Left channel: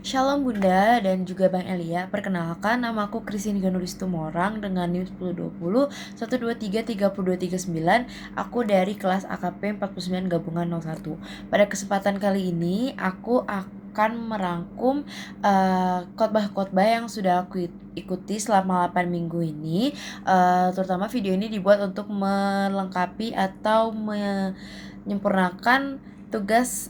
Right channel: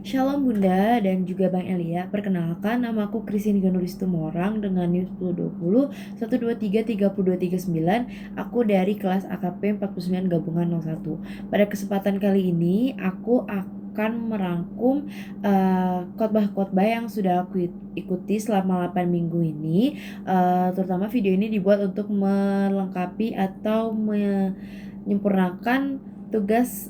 Shalom Bunda dan juga Bang Elia. Perkenalkan, nama aku Christine Ganulis Tumorang dengan NIM 1020 123 3239. Aku dari kelas AKP 49 Gabungan 01. Pada kesempatan kali ini aku akan merangkum khotbah-khotbah yang sudah aku ikuti selama 8 minggu ini. Terutama video ini dibuat untuk melengkapi atau menyempurnakan tugas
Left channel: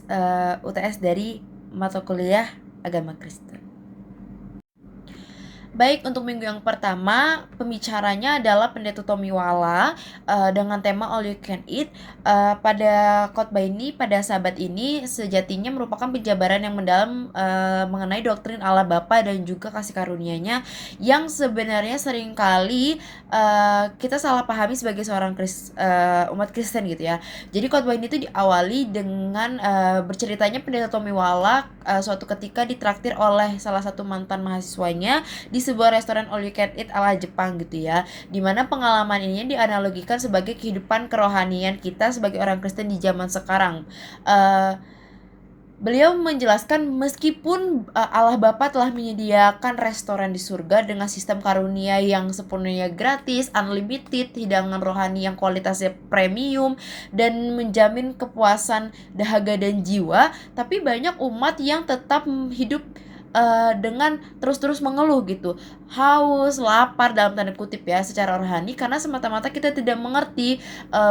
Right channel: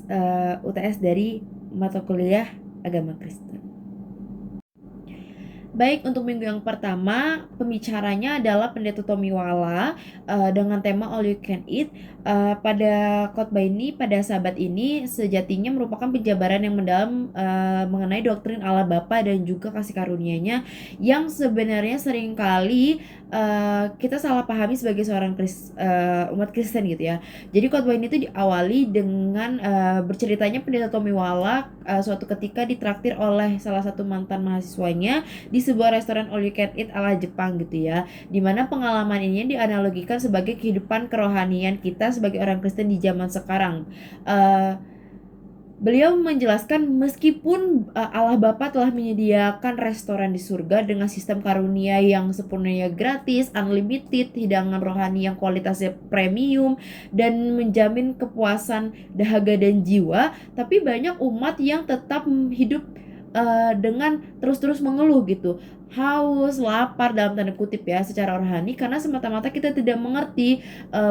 UTS dari mata kuliah agama Kristen. Baik, untuk minggu yang pertama pembicaranya adalah Pendeta Tomiwala dengan tema All You Can Eat. Pada khotbah ini, pada sahabat ini sejatinya merupakan penjabaran yang mendalam mengenai doktrin Allah Bapa dan juga kasih karunia-Nya yang sebenarnya seringkali kita salah pahami sebagai seorang umat Kristen gitu ya. Jadi khotbah ini tuh diawali dengan berceritanya Pendeta Tomiwala suatu ketika ditraktir oleh salah satu mantan mahasiswanya di sebuah restoran all you can eat ala Jepang gitu ya, dimana pengalaman ini dianalogikan sebagai kehidupan kerohanian kita sebagai orang Kristen di zaman sekarang. Beliau menjelaskan meskipun Allah Bapa telah menyediakan restoran di surga dengan sistem karunia yang sepenuhnya gratis, unlimited, hidangan rohani yang kualitasnya premium dan menjamin kepuasan dahaga dan jiwa, tapi banyak umat yang tetap hidup dengan terus-terus mengeluh gitu, haus, lapar dalam tanda kutip ya secara rohani, karena semata-mata kita tidak mengerti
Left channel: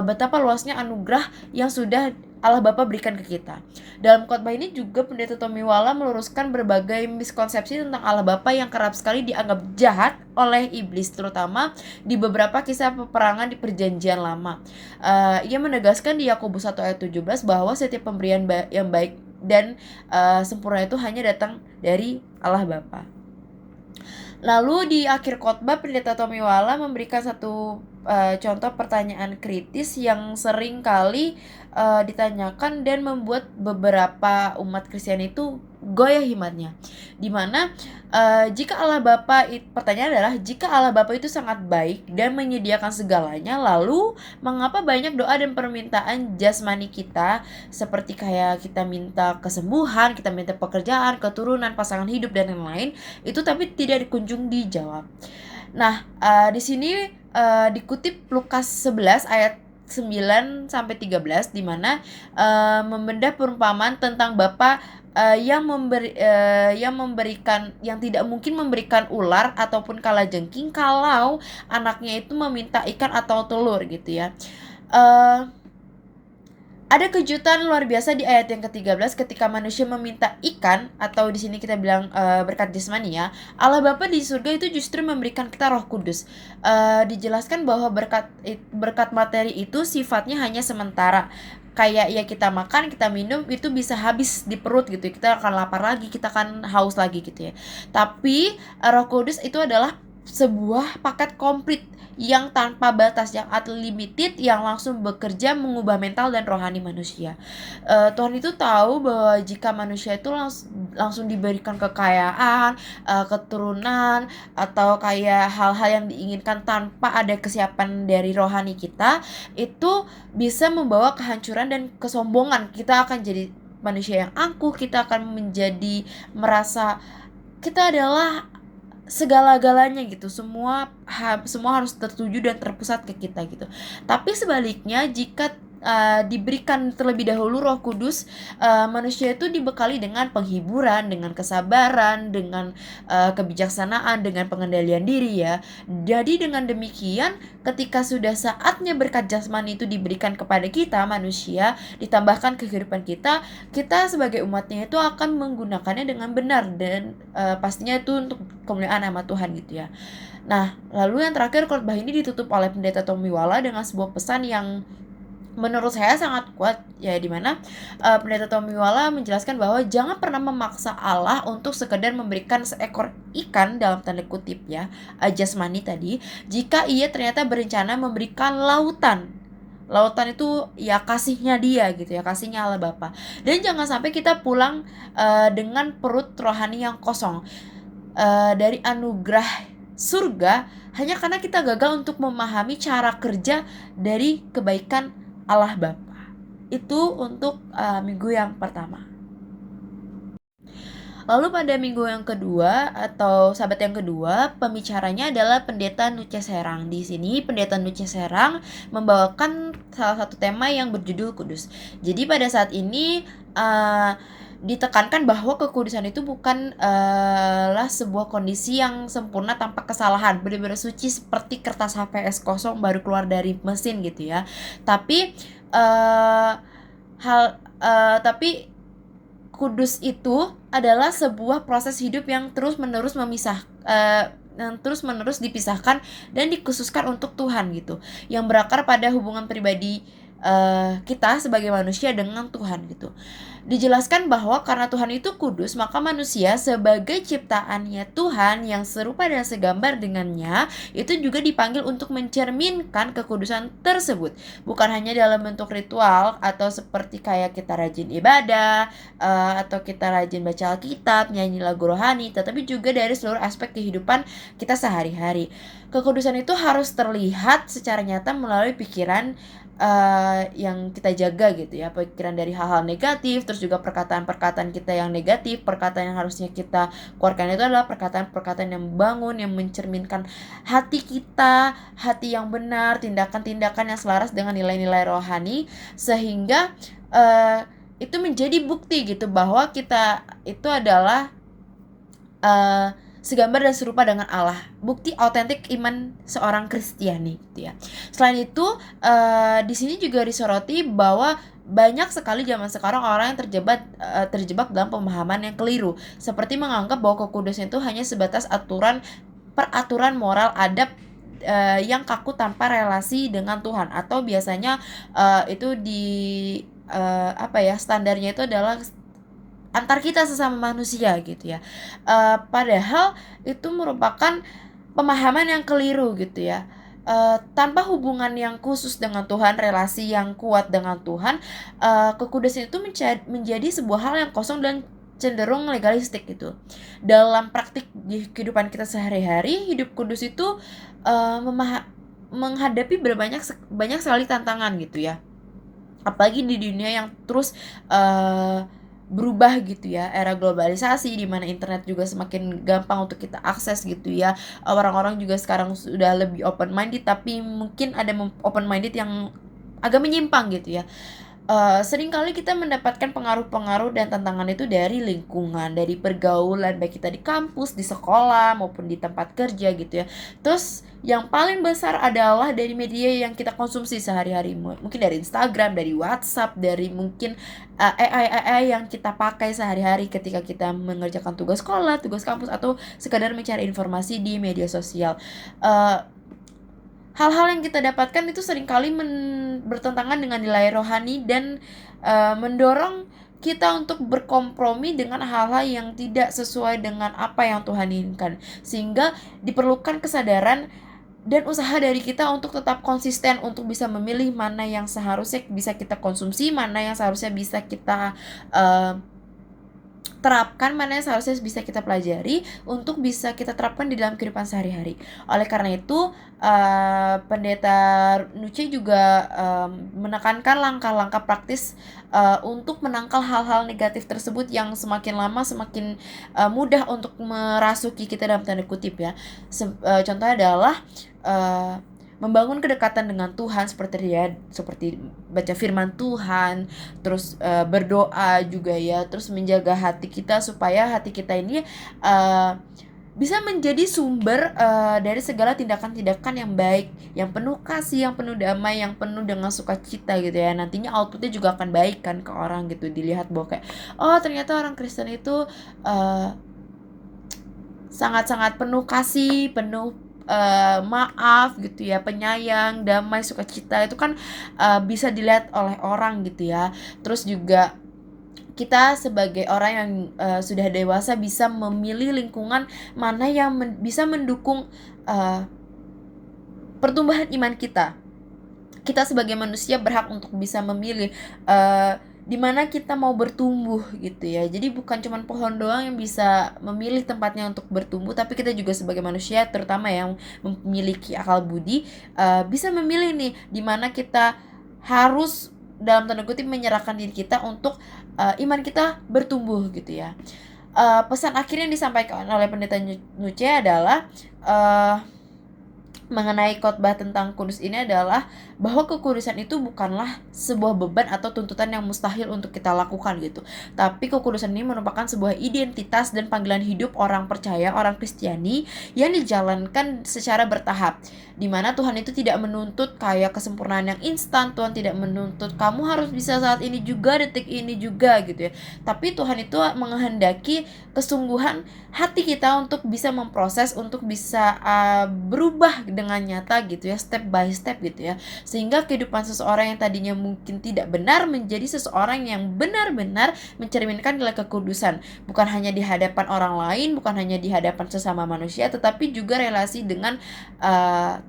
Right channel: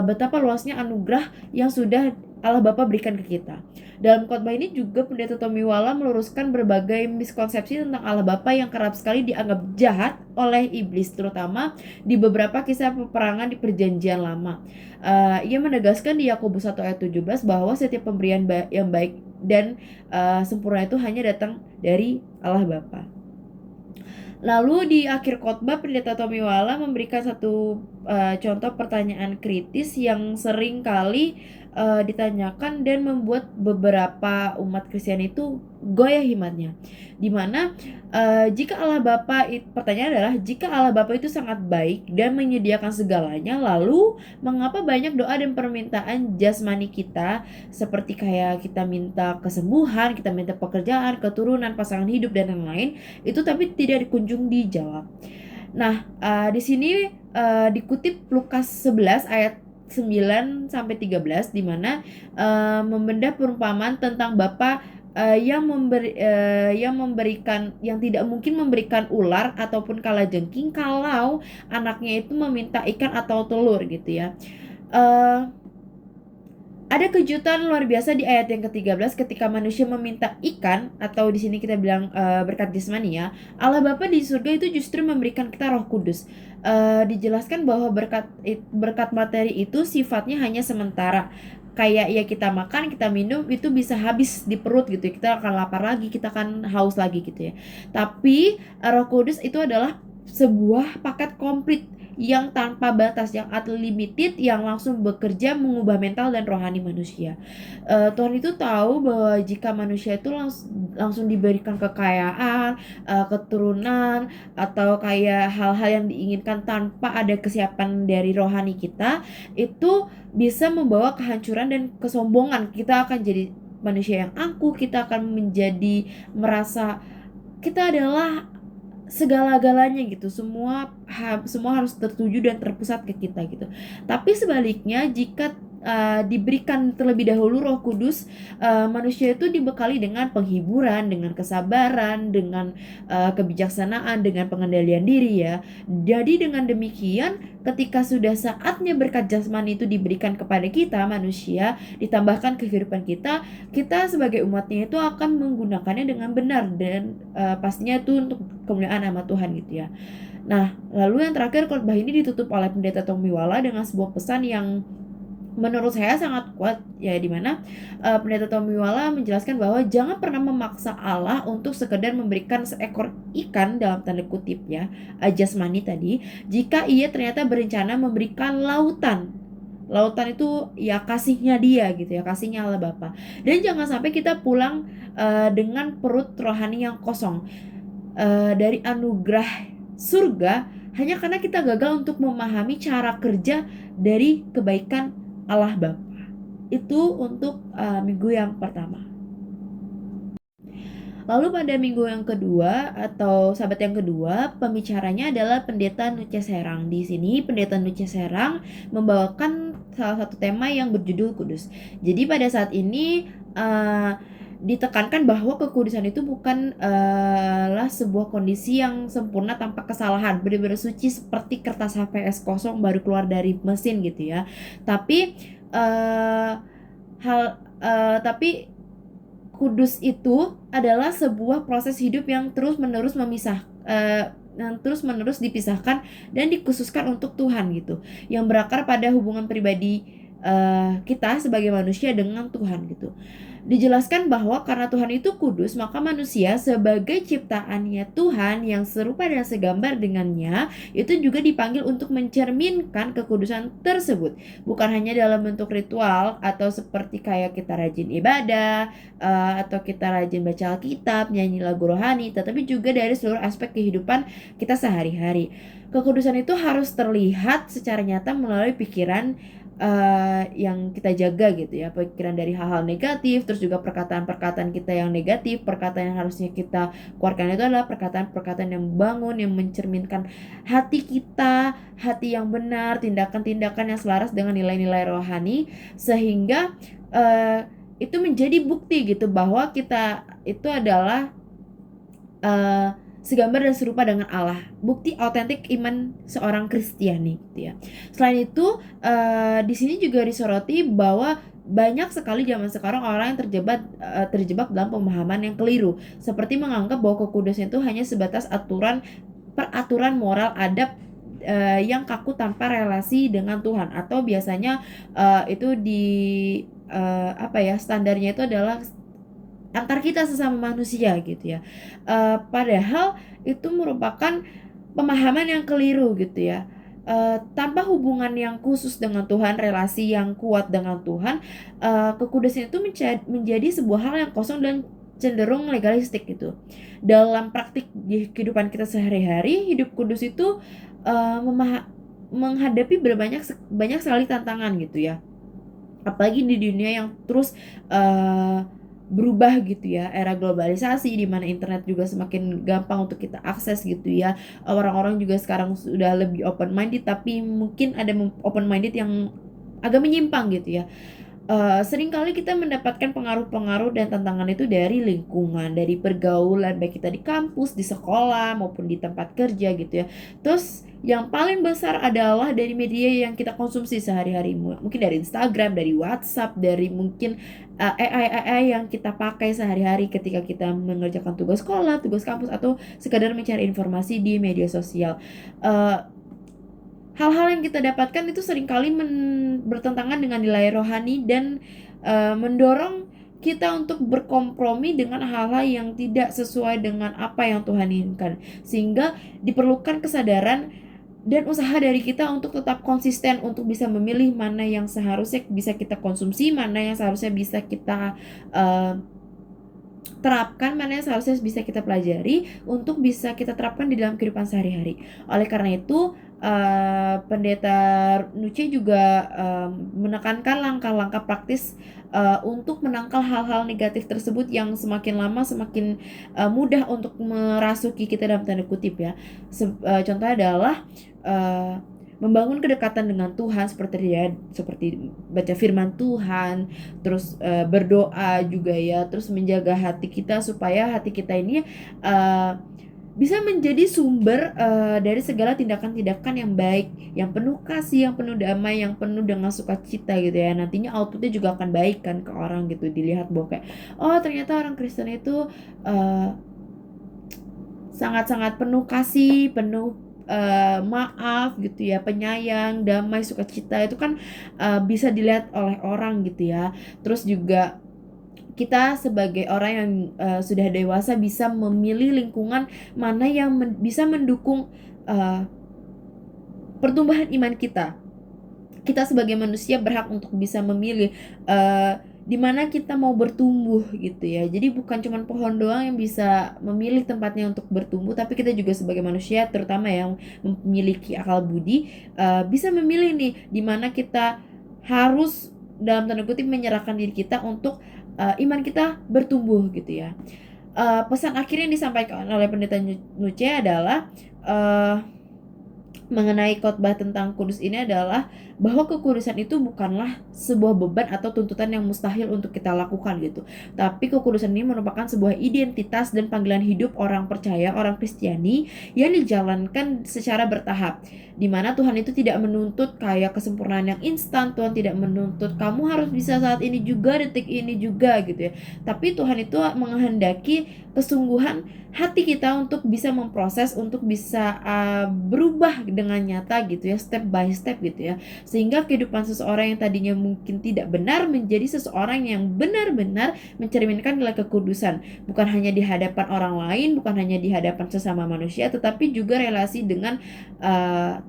betapa luasnya anugerah yang sudah Allah Bapa berikan ke kita. Dalam khotbah ini juga Pendeta Tomiwala meluruskan berbagai miskonsepsi tentang Allah Bapa yang kerap sekali dianggap jahat oleh iblis, terutama di beberapa kisah peperangan di Perjanjian Lama. Ia menegaskan di Yakobus 1 ayat 17 bahwa setiap pemberian yang baik dan sempurna itu hanya datang dari Allah Bapa. Lalu di akhir khotbah Pendeta Tomiwala memberikan satu contoh pertanyaan kritis yang sering kali ditanyakan dan membuat beberapa umat Kristen itu goyah imannya. Dimana jika Allah Bapa, pertanyaan adalah jika Allah Bapa itu sangat baik dan menyediakan segalanya, lalu mengapa banyak doa dan permintaan jasmani kita seperti kayak kita minta kesembuhan, kita minta pekerjaan, keturunan, pasangan hidup dan lain-lain itu tapi tidak kunjung dijawab. Nah, di sini dikutip Lukas 11 ayat 9 sampai 13 di mana membedah perumpamaan tentang Bapa yang memberikan, yang tidak mungkin memberikan ular ataupun kalajengking kalau anaknya itu meminta ikan atau telur gitu ya. Ada kejutan luar biasa di ayat yang ke-13 ketika manusia meminta ikan, atau di sini kita bilang berkat jasmani ya. Allah Bapa di surga itu justru memberikan kita Roh Kudus. Dijelaskan bahwa berkat materi itu sifatnya hanya sementara. Kayak ya kita makan, kita minum itu bisa habis di perut gitu. Kita akan lapar lagi, kita akan haus lagi gitu ya. Tapi Roh Kudus itu adalah sebuah paket komplit yang tanpa batas, yang unlimited, yang langsung bekerja mengubah mental dan rohani manusia. Tuhan itu tahu bahwa jika manusia itu langsung diberikan kekayaan, keturunan, atau kayak hal-hal yang diinginkan tanpa ada kesiapan dari rohani kita, itu bisa membawa kehancuran dan kesombongan. Kita akan jadi manusia yang angkuh, kita akan menjadi merasa kita adalah segala-galanya gitu, semua harus tertuju dan terpusat ke kita gitu. Tapi sebaliknya jika diberikan terlebih dahulu Roh Kudus, manusia itu dibekali dengan penghiburan, dengan kesabaran, dengan kebijaksanaan, dengan pengendalian diri ya. Jadi dengan demikian ketika sudah saatnya berkat jasmani itu diberikan kepada kita manusia, ditambahkan kehidupan kita sebagai umatnya itu akan menggunakannya dengan benar dan pastinya itu untuk kemuliaan nama Tuhan gitu ya. Nah, lalu yang terakhir khotbah ini ditutup oleh Pendeta Tomiwala dengan sebuah pesan yang menurut saya sangat kuat ya, dimana Pendeta Tomiwala menjelaskan bahwa jangan pernah memaksa Allah untuk sekedar memberikan seekor ikan dalam tanda kutip ya, jasmani tadi, jika ia ternyata berencana memberikan lautan itu ya kasihnya dia gitu ya, kasihnya Allah Bapa. Dan jangan sampai kita pulang dengan perut rohani yang kosong dari anugerah surga hanya karena kita gagal untuk memahami cara kerja dari kebaikan Allah Bapa. Itu untuk minggu yang pertama. Lalu pada minggu yang kedua atau Sabat yang kedua, pembicaranya adalah Pendeta Nuce Serang. Di sini Pendeta Nuce Serang membawakan salah satu tema yang berjudul kudus. Jadi pada saat ini ditekankan bahwa kekudusan itu bukan lah sebuah kondisi yang sempurna tanpa kesalahan, benar-benar suci seperti kertas HVS kosong baru keluar dari mesin gitu ya. Tapi tapi kudus itu adalah sebuah proses hidup yang terus-menerus yang terus-menerus dipisahkan dan dikhususkan untuk Tuhan gitu, yang berakar pada hubungan pribadi kita sebagai manusia dengan Tuhan gitu. Dijelaskan bahwa karena Tuhan itu kudus, maka manusia sebagai ciptaannya Tuhan yang serupa dan segambar dengannya itu juga dipanggil untuk mencerminkan kekudusan tersebut, bukan hanya dalam bentuk ritual atau seperti kayak kita rajin ibadah atau kita rajin baca Alkitab, nyanyi lagu rohani, tetapi juga dari seluruh aspek kehidupan kita sehari-hari. Kekudusan itu harus terlihat secara nyata melalui pikiran yang kita jaga gitu ya, pikiran dari hal-hal negatif, terus juga perkataan-perkataan kita yang negatif, perkataan yang harusnya kita keluarkan itu adalah perkataan-perkataan yang membangun, yang mencerminkan hati kita, hati yang benar, tindakan-tindakan yang selaras dengan nilai-nilai rohani, sehingga itu menjadi bukti gitu bahwa kita itu adalah segambar dan serupa dengan Allah, bukti otentik iman seorang Kristiani gitu ya. Selain itu di sini juga disoroti bahwa banyak sekali zaman sekarang orang yang terjebak dalam pemahaman yang keliru, seperti menganggap bahwa kekudusan itu hanya sebatas peraturan moral adab yang kaku tanpa relasi dengan Tuhan, atau biasanya itu standarnya itu adalah antar kita sesama manusia gitu ya. Padahal itu merupakan pemahaman yang keliru gitu ya. Tanpa hubungan yang khusus dengan Tuhan, relasi yang kuat dengan Tuhan, kekudusan itu menjadi sebuah hal yang kosong dan cenderung legalistik gitu. Dalam praktik kehidupan kita sehari-hari, hidup kudus itu menghadapi banyak sekali tantangan gitu ya. Apalagi di dunia yang terus berubah gitu ya, era globalisasi di mana internet juga semakin gampang untuk kita akses gitu ya. Orang-orang juga sekarang sudah lebih open minded, tapi mungkin ada open minded yang agak menyimpang gitu ya. Seringkali kita mendapatkan pengaruh-pengaruh dan tantangan itu dari lingkungan, dari pergaulan, baik kita di kampus, di sekolah, maupun di tempat kerja gitu ya. Terus yang paling besar adalah dari media yang kita konsumsi sehari-hari, mungkin dari Instagram, dari WhatsApp, dari mungkin AI yang kita pakai sehari-hari ketika kita mengerjakan tugas sekolah, tugas kampus, atau sekadar mencari informasi di media sosial. Hal-hal yang kita dapatkan itu seringkali bertentangan dengan nilai rohani dan mendorong kita untuk berkompromi dengan hal-hal yang tidak sesuai dengan apa yang Tuhan inginkan, sehingga diperlukan kesadaran dan usaha dari kita untuk tetap konsisten untuk bisa memilih mana yang seharusnya bisa kita konsumsi, mana yang seharusnya bisa kita terapkan, mana yang seharusnya bisa kita pelajari untuk bisa kita terapkan di dalam kehidupan sehari-hari. Oleh karena itu Pendeta Nuce juga menekankan langkah-langkah praktis untuk menangkal hal-hal negatif tersebut yang semakin lama semakin mudah untuk merasuki kita dalam tanda kutip ya. Contohnya adalah membangun kedekatan dengan Tuhan seperti baca firman Tuhan, terus berdoa juga ya, terus menjaga hati kita supaya hati kita ini bisa menjadi sumber dari segala tindakan-tindakan yang baik, yang penuh kasih, yang penuh damai, yang penuh dengan sukacita gitu ya. Nantinya outputnya juga akan baik kan ke orang gitu, dilihat bahwa kayak ternyata orang Kristen itu sangat-sangat penuh kasih, penuh maaf gitu ya, penyayang, damai, sukacita. Itu kan bisa dilihat oleh orang gitu ya. Terus juga kita sebagai orang yang sudah dewasa bisa memilih lingkungan mana yang bisa mendukung pertumbuhan iman kita. Kita sebagai manusia berhak untuk bisa memilih di mana kita mau bertumbuh gitu ya. Jadi bukan cuma pohon doang yang bisa memilih tempatnya untuk bertumbuh, tapi kita juga sebagai manusia, terutama yang memiliki akal budi, bisa memilih nih di mana kita harus dalam tanda kutip menyerahkan diri kita untuk iman kita bertumbuh gitu ya. Pesan akhir yang disampaikan oleh Pendeta Nuce adalah mengenai khotbah tentang kudus ini adalah bahwa kekudusan itu bukanlah sebuah beban atau tuntutan yang mustahil untuk kita lakukan gitu. Tapi kekudusan ini merupakan sebuah identitas dan panggilan hidup orang percaya, orang Kristiani yang dijalankan secara bertahap. Dimana Tuhan itu tidak menuntut kayak kesempurnaan yang instan. Tuhan tidak menuntut kamu harus bisa saat ini juga, detik ini juga gitu ya. Tapi Tuhan itu menghendaki kesungguhan hati kita untuk bisa memproses, untuk bisa berubah dengan nyata gitu ya, step by step gitu ya, sehingga kehidupan seseorang yang tadinya mungkin tidak benar menjadi seseorang yang benar-benar mencerminkan nilai kekudusan, bukan hanya di hadapan orang lain, bukan hanya di hadapan sesama manusia, tetapi juga relasi dengan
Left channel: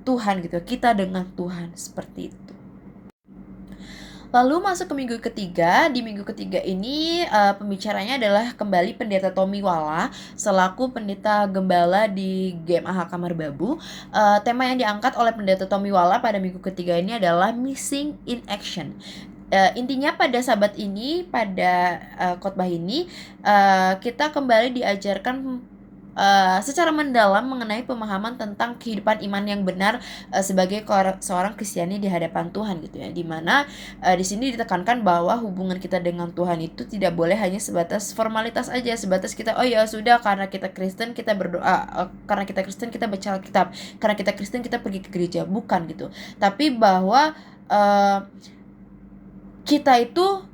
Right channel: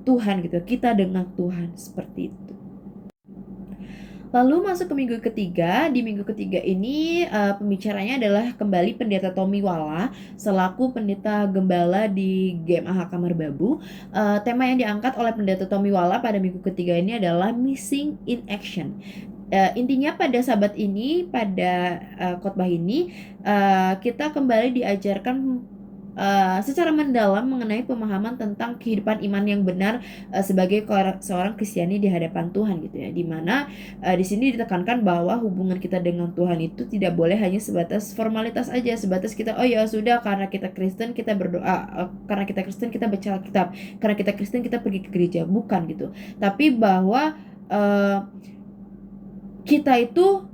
Tuhan gitu, kita dengan Tuhan, seperti itu. Lalu masuk ke minggu ketiga. Di minggu ketiga ini pembicaranya adalah kembali Pendeta Tommy Wala selaku pendeta gembala di GMAH Kamar Babu. Tema yang diangkat oleh Pendeta Tommy Wala pada minggu ketiga ini adalah Missing in Action. Intinya pada sabat ini, pada khotbah ini, kita kembali diajarkan secara mendalam mengenai pemahaman tentang kehidupan iman yang benar sebagai seorang Kristiani di hadapan Tuhan gitu ya, dimana di sini ditekankan bahwa hubungan kita dengan Tuhan itu tidak boleh hanya sebatas formalitas aja, sebatas kita oh ya sudah karena kita Kristen kita berdoa, karena kita Kristen kita baca Alkitab, karena kita Kristen kita pergi ke gereja, bukan gitu. Tapi bahwa kita itu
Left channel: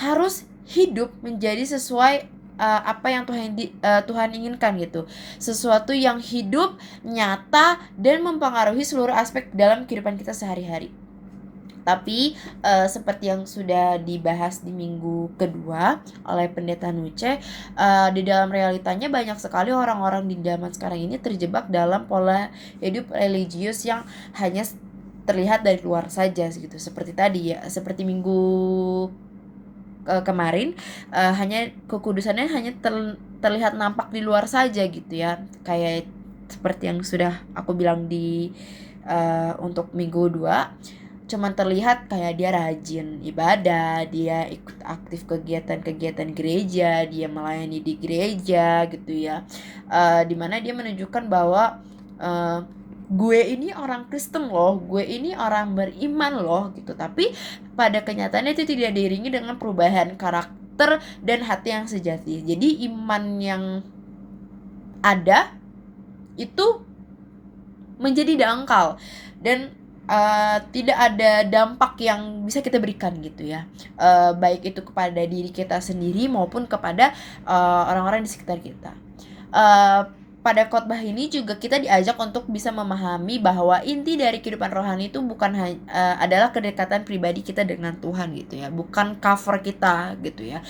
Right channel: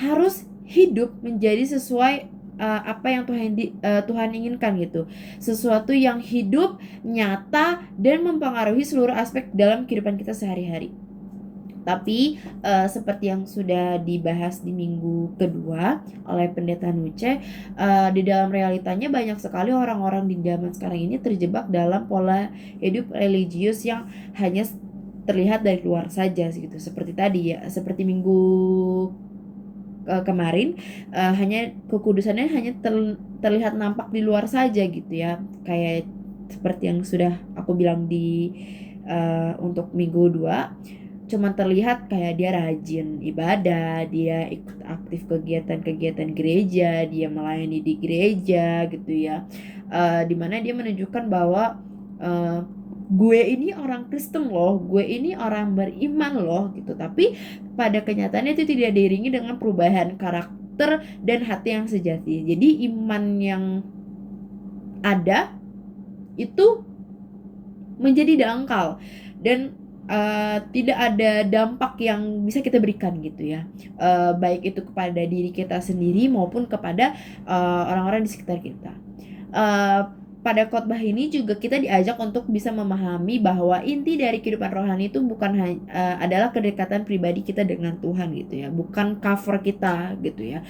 harus hidup menjadi sesuai apa yang Tuhan inginkan gitu, sesuatu yang hidup, nyata, dan mempengaruhi seluruh aspek dalam kehidupan kita sehari-hari. Tapi seperti yang sudah dibahas di minggu kedua oleh Pendeta Nuce, di dalam realitanya banyak sekali orang-orang di zaman sekarang ini terjebak dalam pola hidup religius yang hanya terlihat dari luar saja gitu. Seperti tadi ya, seperti minggu kemarin, hanya kekudusannya hanya terlihat nampak di luar saja gitu ya, kayak seperti yang sudah aku bilang di untuk minggu 2, cuman terlihat kayak dia rajin ibadah, dia ikut aktif kegiatan-kegiatan gereja, dia melayani di gereja gitu ya, dimana dia menunjukkan bahwa gue ini orang Kristen loh, gue ini orang beriman loh gitu. Tapi pada kenyataannya itu tidak diiringi dengan perubahan karakter dan hati yang sejati. Jadi iman yang ada itu menjadi dangkal dan tidak ada dampak yang bisa kita berikan gitu ya, baik itu kepada diri kita sendiri maupun kepada orang-orang di sekitar kita. Pada khotbah ini juga kita diajak untuk bisa memahami bahwa inti dari kehidupan rohani itu bukan adalah kedekatan pribadi kita dengan Tuhan gitu ya, bukan cover kita gitu ya.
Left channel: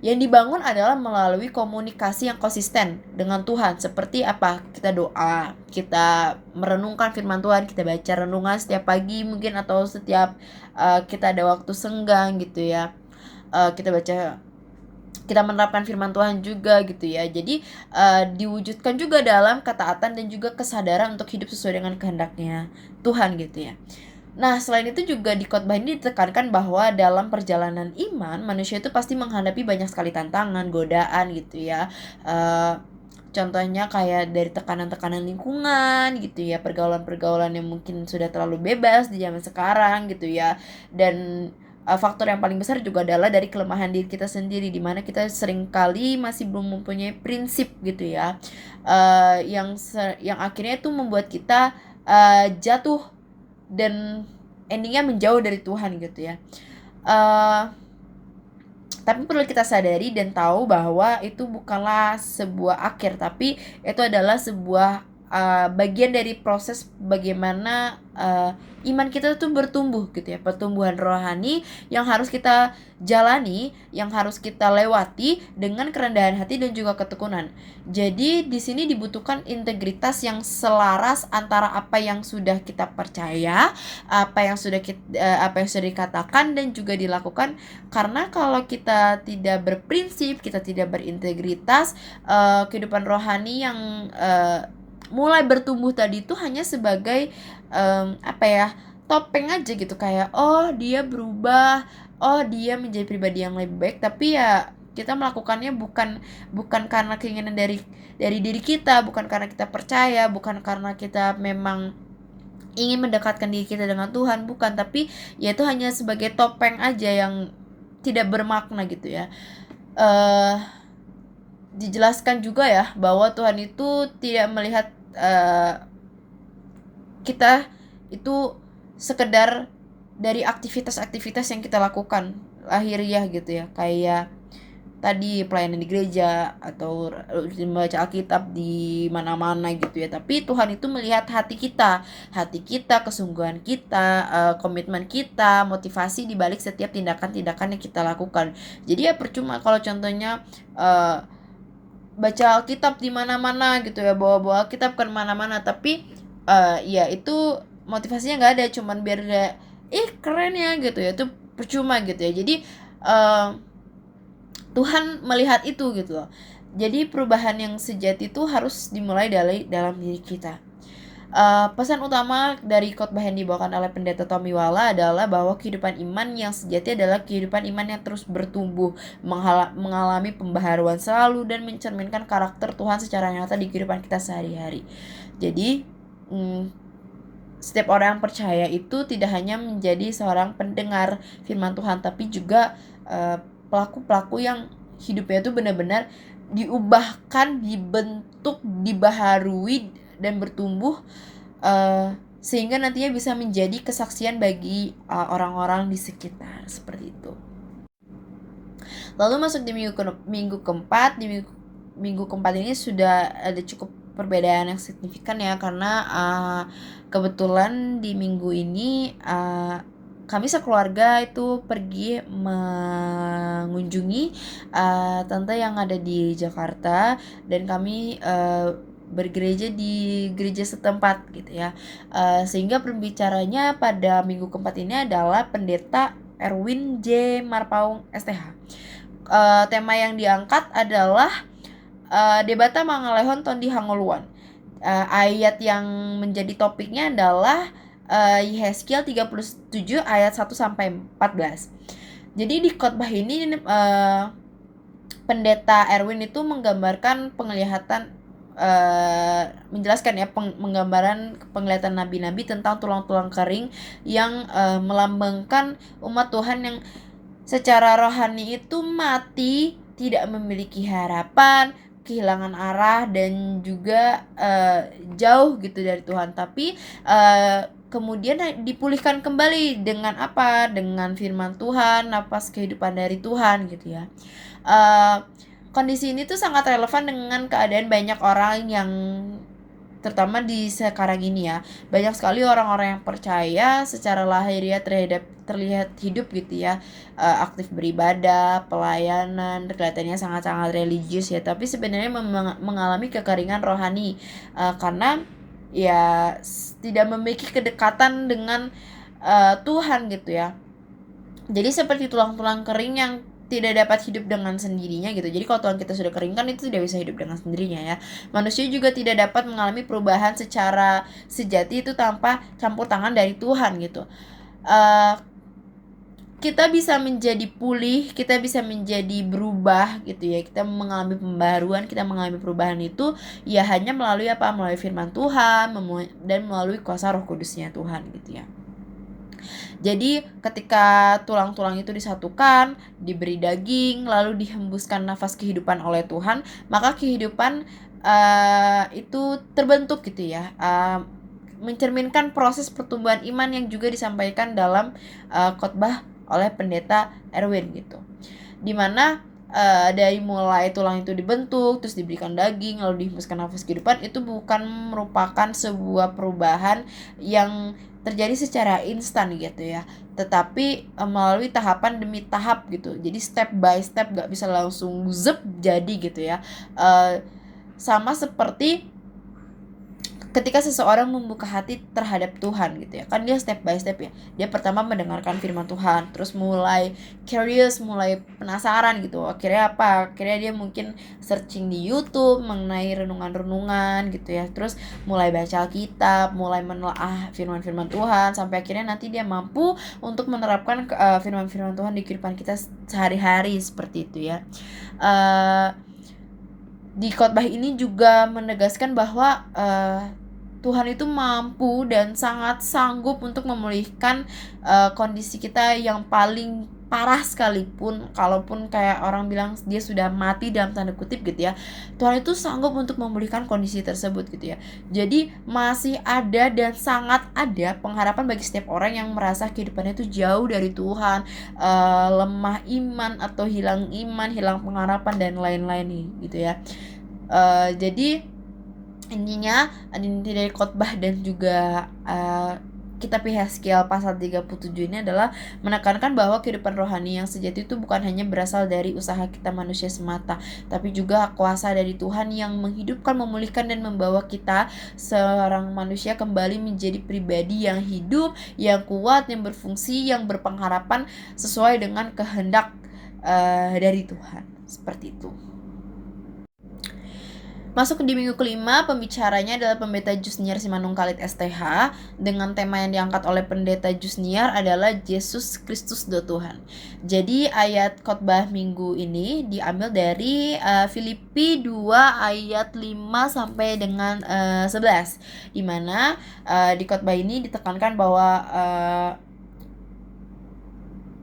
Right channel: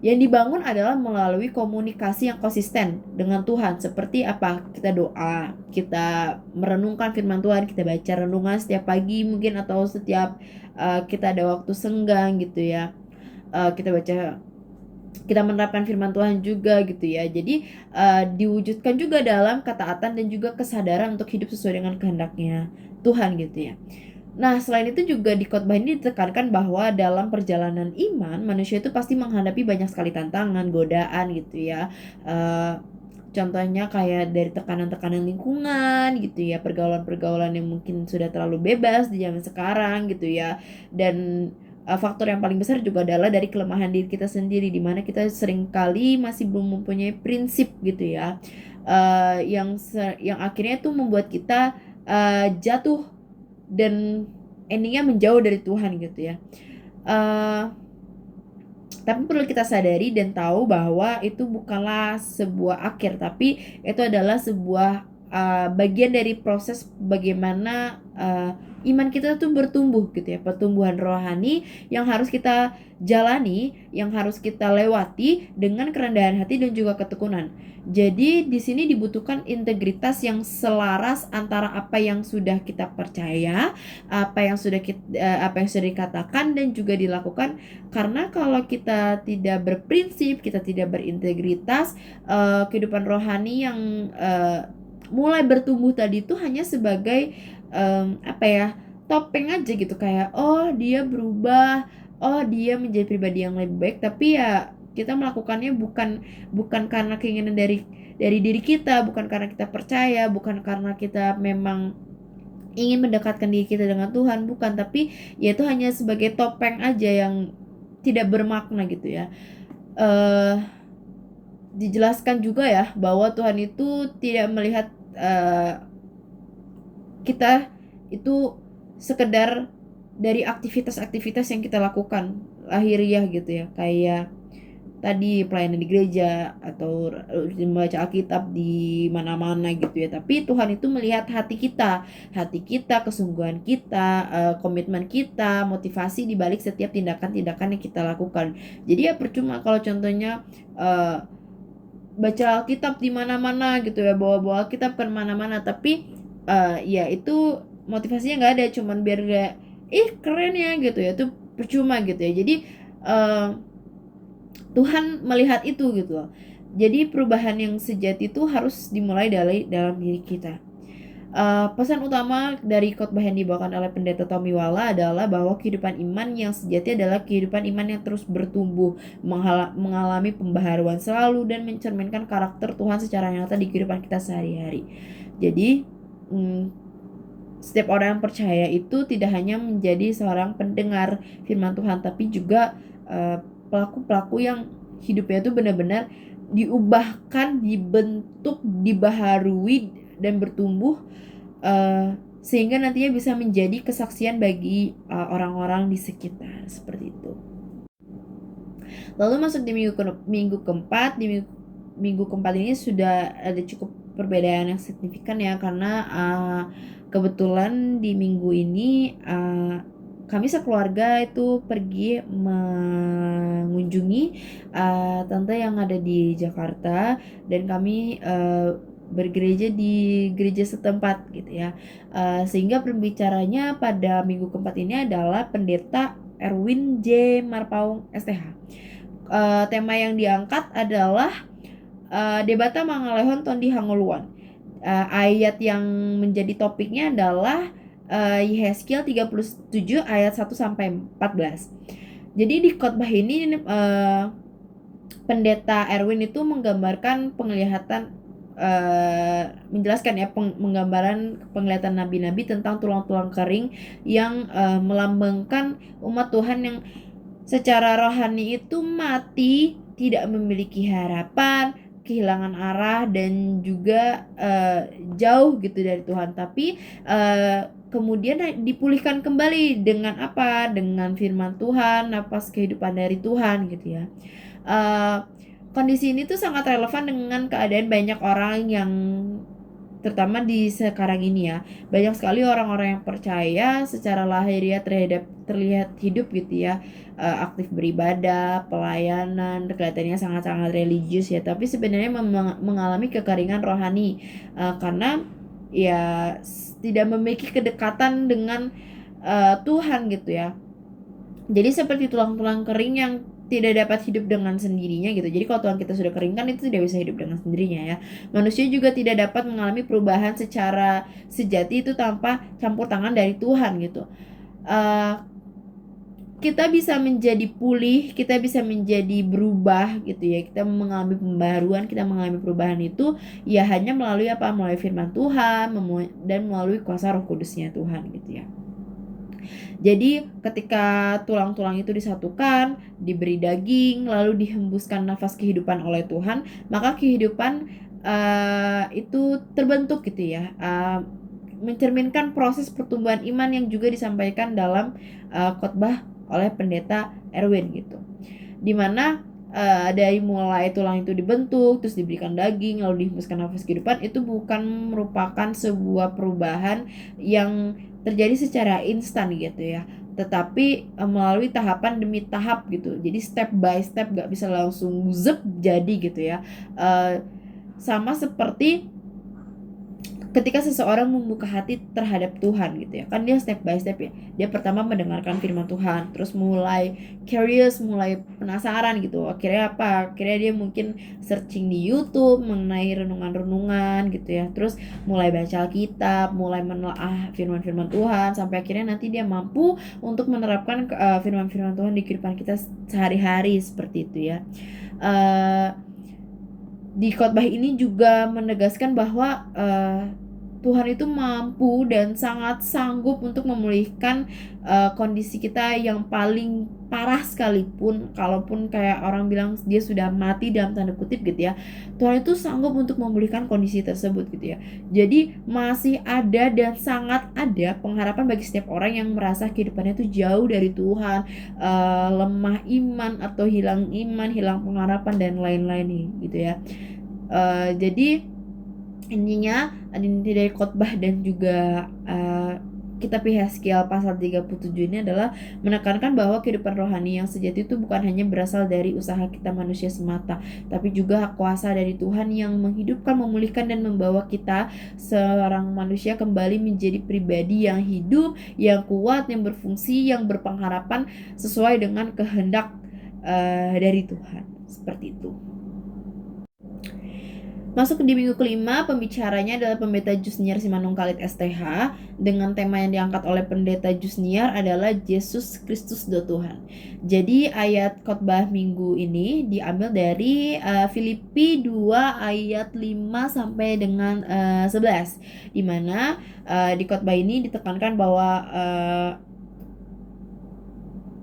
Yang dibangun adalah melalui komunikasi yang konsisten dengan Tuhan. Seperti apa? Kita doa, kita merenungkan firman Tuhan, kita baca renungan setiap pagi mungkin, atau setiap kita ada waktu senggang gitu ya, kita menerapkan firman Tuhan juga gitu ya. Jadi diwujudkan juga dalam ketaatan dan juga kesadaran untuk hidup sesuai dengan kehendaknya Tuhan gitu ya. Nah, selain itu juga di khotbah ini ditekankan bahwa dalam perjalanan iman, manusia itu pasti menghadapi banyak sekali tantangan, godaan gitu ya. Contohnya kayak dari tekanan-tekanan lingkungan gitu ya, pergaulan-pergaulan yang mungkin sudah terlalu bebas di zaman sekarang gitu ya. Dan faktor yang paling besar juga adalah dari kelemahan diri kita sendiri, dimana kita seringkali masih belum mempunyai prinsip gitu ya, yang akhirnya itu membuat kita jatuh dan endingnya menjauh dari Tuhan gitu ya. Tapi perlu kita sadari dan tahu bahwa itu bukanlah sebuah akhir, tapi itu adalah sebuah bagian dari proses bagaimana iman kita tuh bertumbuh gitu ya, pertumbuhan rohani yang harus kita jalani, yang harus kita lewati dengan kerendahan hati dan juga ketekunan. Jadi di sini dibutuhkan integritas yang selaras antara apa yang sudah kita percaya, apa yang sudah dikatakan dan juga dilakukan. Karena kalau kita tidak berprinsip, kita tidak berintegritas, kehidupan rohani yang mulai bertumbuh tadi itu hanya sebagai topeng aja gitu, kayak oh dia berubah, oh dia menjadi pribadi yang lebih baik, tapi ya Kita melakukannya bukan bukan karena keinginan dari diri kita, bukan karena kita percaya, bukan karena kita memang ingin mendekatkan diri kita dengan Tuhan, bukan, tapi ya itu hanya sebagai topeng aja yang tidak bermakna gitu ya. Dijelaskan juga ya bahwa Tuhan itu tidak melihat kita itu sekedar dari aktivitas-aktivitas yang kita lakukan lahiriah gitu ya, kayak tadi pelayanan di gereja atau membaca Alkitab di mana-mana gitu ya. Tapi Tuhan itu melihat hati kita, kesungguhan kita, komitmen kita, motivasi di balik setiap tindakan-tindakan yang kita lakukan. Jadi ya percuma kalau contohnya baca Alkitab di mana-mana gitu ya, bawa-bawa Alkitab ke mana-mana, tapi ya itu motivasinya nggak ada, cuman biar kayak keren ya gitu ya, itu percuma gitu ya. Jadi Tuhan melihat itu gitu loh. Jadi perubahan yang sejati itu harus dimulai dari dalam diri kita. Pesan utama dari khotbah yang dibawakan oleh Pendeta Tommy Wala adalah bahwa kehidupan iman yang sejati adalah kehidupan iman yang terus bertumbuh, mengalami pembaharuan selalu, dan mencerminkan karakter Tuhan secara nyata di kehidupan kita sehari-hari. Jadi setiap orang yang percaya itu tidak hanya menjadi seorang pendengar firman Tuhan, tapi juga pelaku-pelaku yang hidupnya itu benar-benar diubahkan, dibentuk, dibaharui, dan bertumbuh sehingga nantinya bisa menjadi kesaksian bagi orang-orang di sekitar, seperti itu. Lalu masuk di minggu keempat. Di minggu keempat ini sudah ada cukup perbedaan yang signifikan ya, karena kebetulan di minggu ini kami sekeluarga itu pergi mengunjungi tante yang ada di Jakarta, dan kami bergereja di gereja setempat gitu ya. Sehingga pembicaranya pada minggu keempat ini adalah Pendeta Erwin J. Marpaung STH. Tema yang diangkat adalah Debata Mangalehon Tondi Hangoluan. Ayat yang menjadi topiknya adalah Yehezkiel 37 ayat 1 sampai 14. Jadi di khotbah ini Pendeta Erwin itu menggambarkan penglihatan, menjelaskan ya penggambaran penglihatan nabi-nabi tentang tulang-tulang kering yang melambangkan umat Tuhan yang secara rohani itu mati, tidak memiliki harapan, kehilangan arah, dan juga jauh gitu dari Tuhan. Tapi kemudian dipulihkan kembali dengan apa? Dengan firman Tuhan, napas kehidupan dari Tuhan gitu ya. Kondisi ini tuh sangat relevan dengan keadaan banyak orang yang terutama di sekarang ini ya. Banyak sekali orang-orang yang percaya secara lahiriah terlihat hidup gitu ya, aktif beribadah, pelayanan, kelihatannya sangat-sangat religius ya, tapi sebenarnya mengalami kekeringan rohani karena ya tidak memiliki kedekatan dengan Tuhan gitu ya. Jadi seperti tulang-tulang kering yang tidak dapat hidup dengan sendirinya gitu. Jadi kalau tulang kita sudah kering kan itu tidak bisa hidup dengan sendirinya ya. Manusia juga tidak dapat mengalami perubahan secara sejati itu tanpa campur tangan dari Tuhan gitu. Kita bisa menjadi pulih, kita bisa menjadi berubah gitu ya. Kita mengalami pembaruan, kita mengalami perubahan itu ya hanya melalui apa? Melalui firman Tuhan dan melalui kuasa Roh Kudusnya Tuhan gitu ya. Jadi ketika tulang-tulang itu disatukan, diberi daging, lalu dihembuskan nafas kehidupan oleh Tuhan, maka kehidupan itu terbentuk gitu ya. Mencerminkan proses pertumbuhan iman yang juga disampaikan dalam khotbah oleh Pendeta Erwin gitu. Dimana dari mulai tulang itu dibentuk, terus diberikan daging, lalu dihembuskan nafas kehidupan, itu bukan merupakan sebuah perubahan yang terjadi secara instan gitu ya, tetapi melalui tahapan demi tahap gitu. Jadi step by step, gak bisa langsung zep jadi gitu ya. Sama seperti ketika seseorang membuka hati terhadap Tuhan gitu ya, kan dia step by step ya. Dia pertama mendengarkan firman Tuhan, terus mulai curious, mulai penasaran gitu. Akhirnya apa? Akhirnya dia mungkin searching di YouTube mengenai renungan-renungan gitu ya. Terus mulai baca Alkitab, mulai menelaah firman-firman Tuhan, sampai akhirnya nanti dia mampu untuk menerapkan firman-firman Tuhan di kehidupan kita sehari-hari seperti itu ya. Di khotbah ini juga menegaskan bahwa Tuhan itu mampu dan sangat sanggup untuk memulihkan kondisi kita yang paling parah sekalipun, kalaupun kayak orang bilang dia sudah mati dalam tanda kutip gitu ya, Tuhan itu sanggup untuk memulihkan kondisi tersebut gitu ya. Jadi masih ada dan sangat ada pengharapan bagi setiap orang yang merasa kehidupannya itu jauh dari Tuhan, lemah iman atau hilang iman, hilang pengharapan dan lain-lain nih gitu ya. Jadi intinya inti dari khotbah dan juga kitab Yehezkiel pasal 37 ini adalah menekankan bahwa kehidupan rohani yang sejati itu bukan hanya berasal dari usaha kita manusia semata, tapi juga kuasa dari Tuhan yang menghidupkan, memulihkan, dan membawa kita seorang manusia kembali menjadi pribadi yang hidup, yang kuat, yang berfungsi, yang berpengharapan sesuai dengan kehendak dari Tuhan. Seperti itu. Masuk di minggu kelima, pembicaranya adalah Pendeta Jusniar Simanung Khalid STH, dengan tema yang diangkat oleh Pendeta Jusniar adalah Yesus Kristus do Tuhan. Jadi ayat khotbah minggu ini diambil dari Filipi 2 ayat 5 sampai dengan 11, di mana di khotbah ini ditekankan bahwa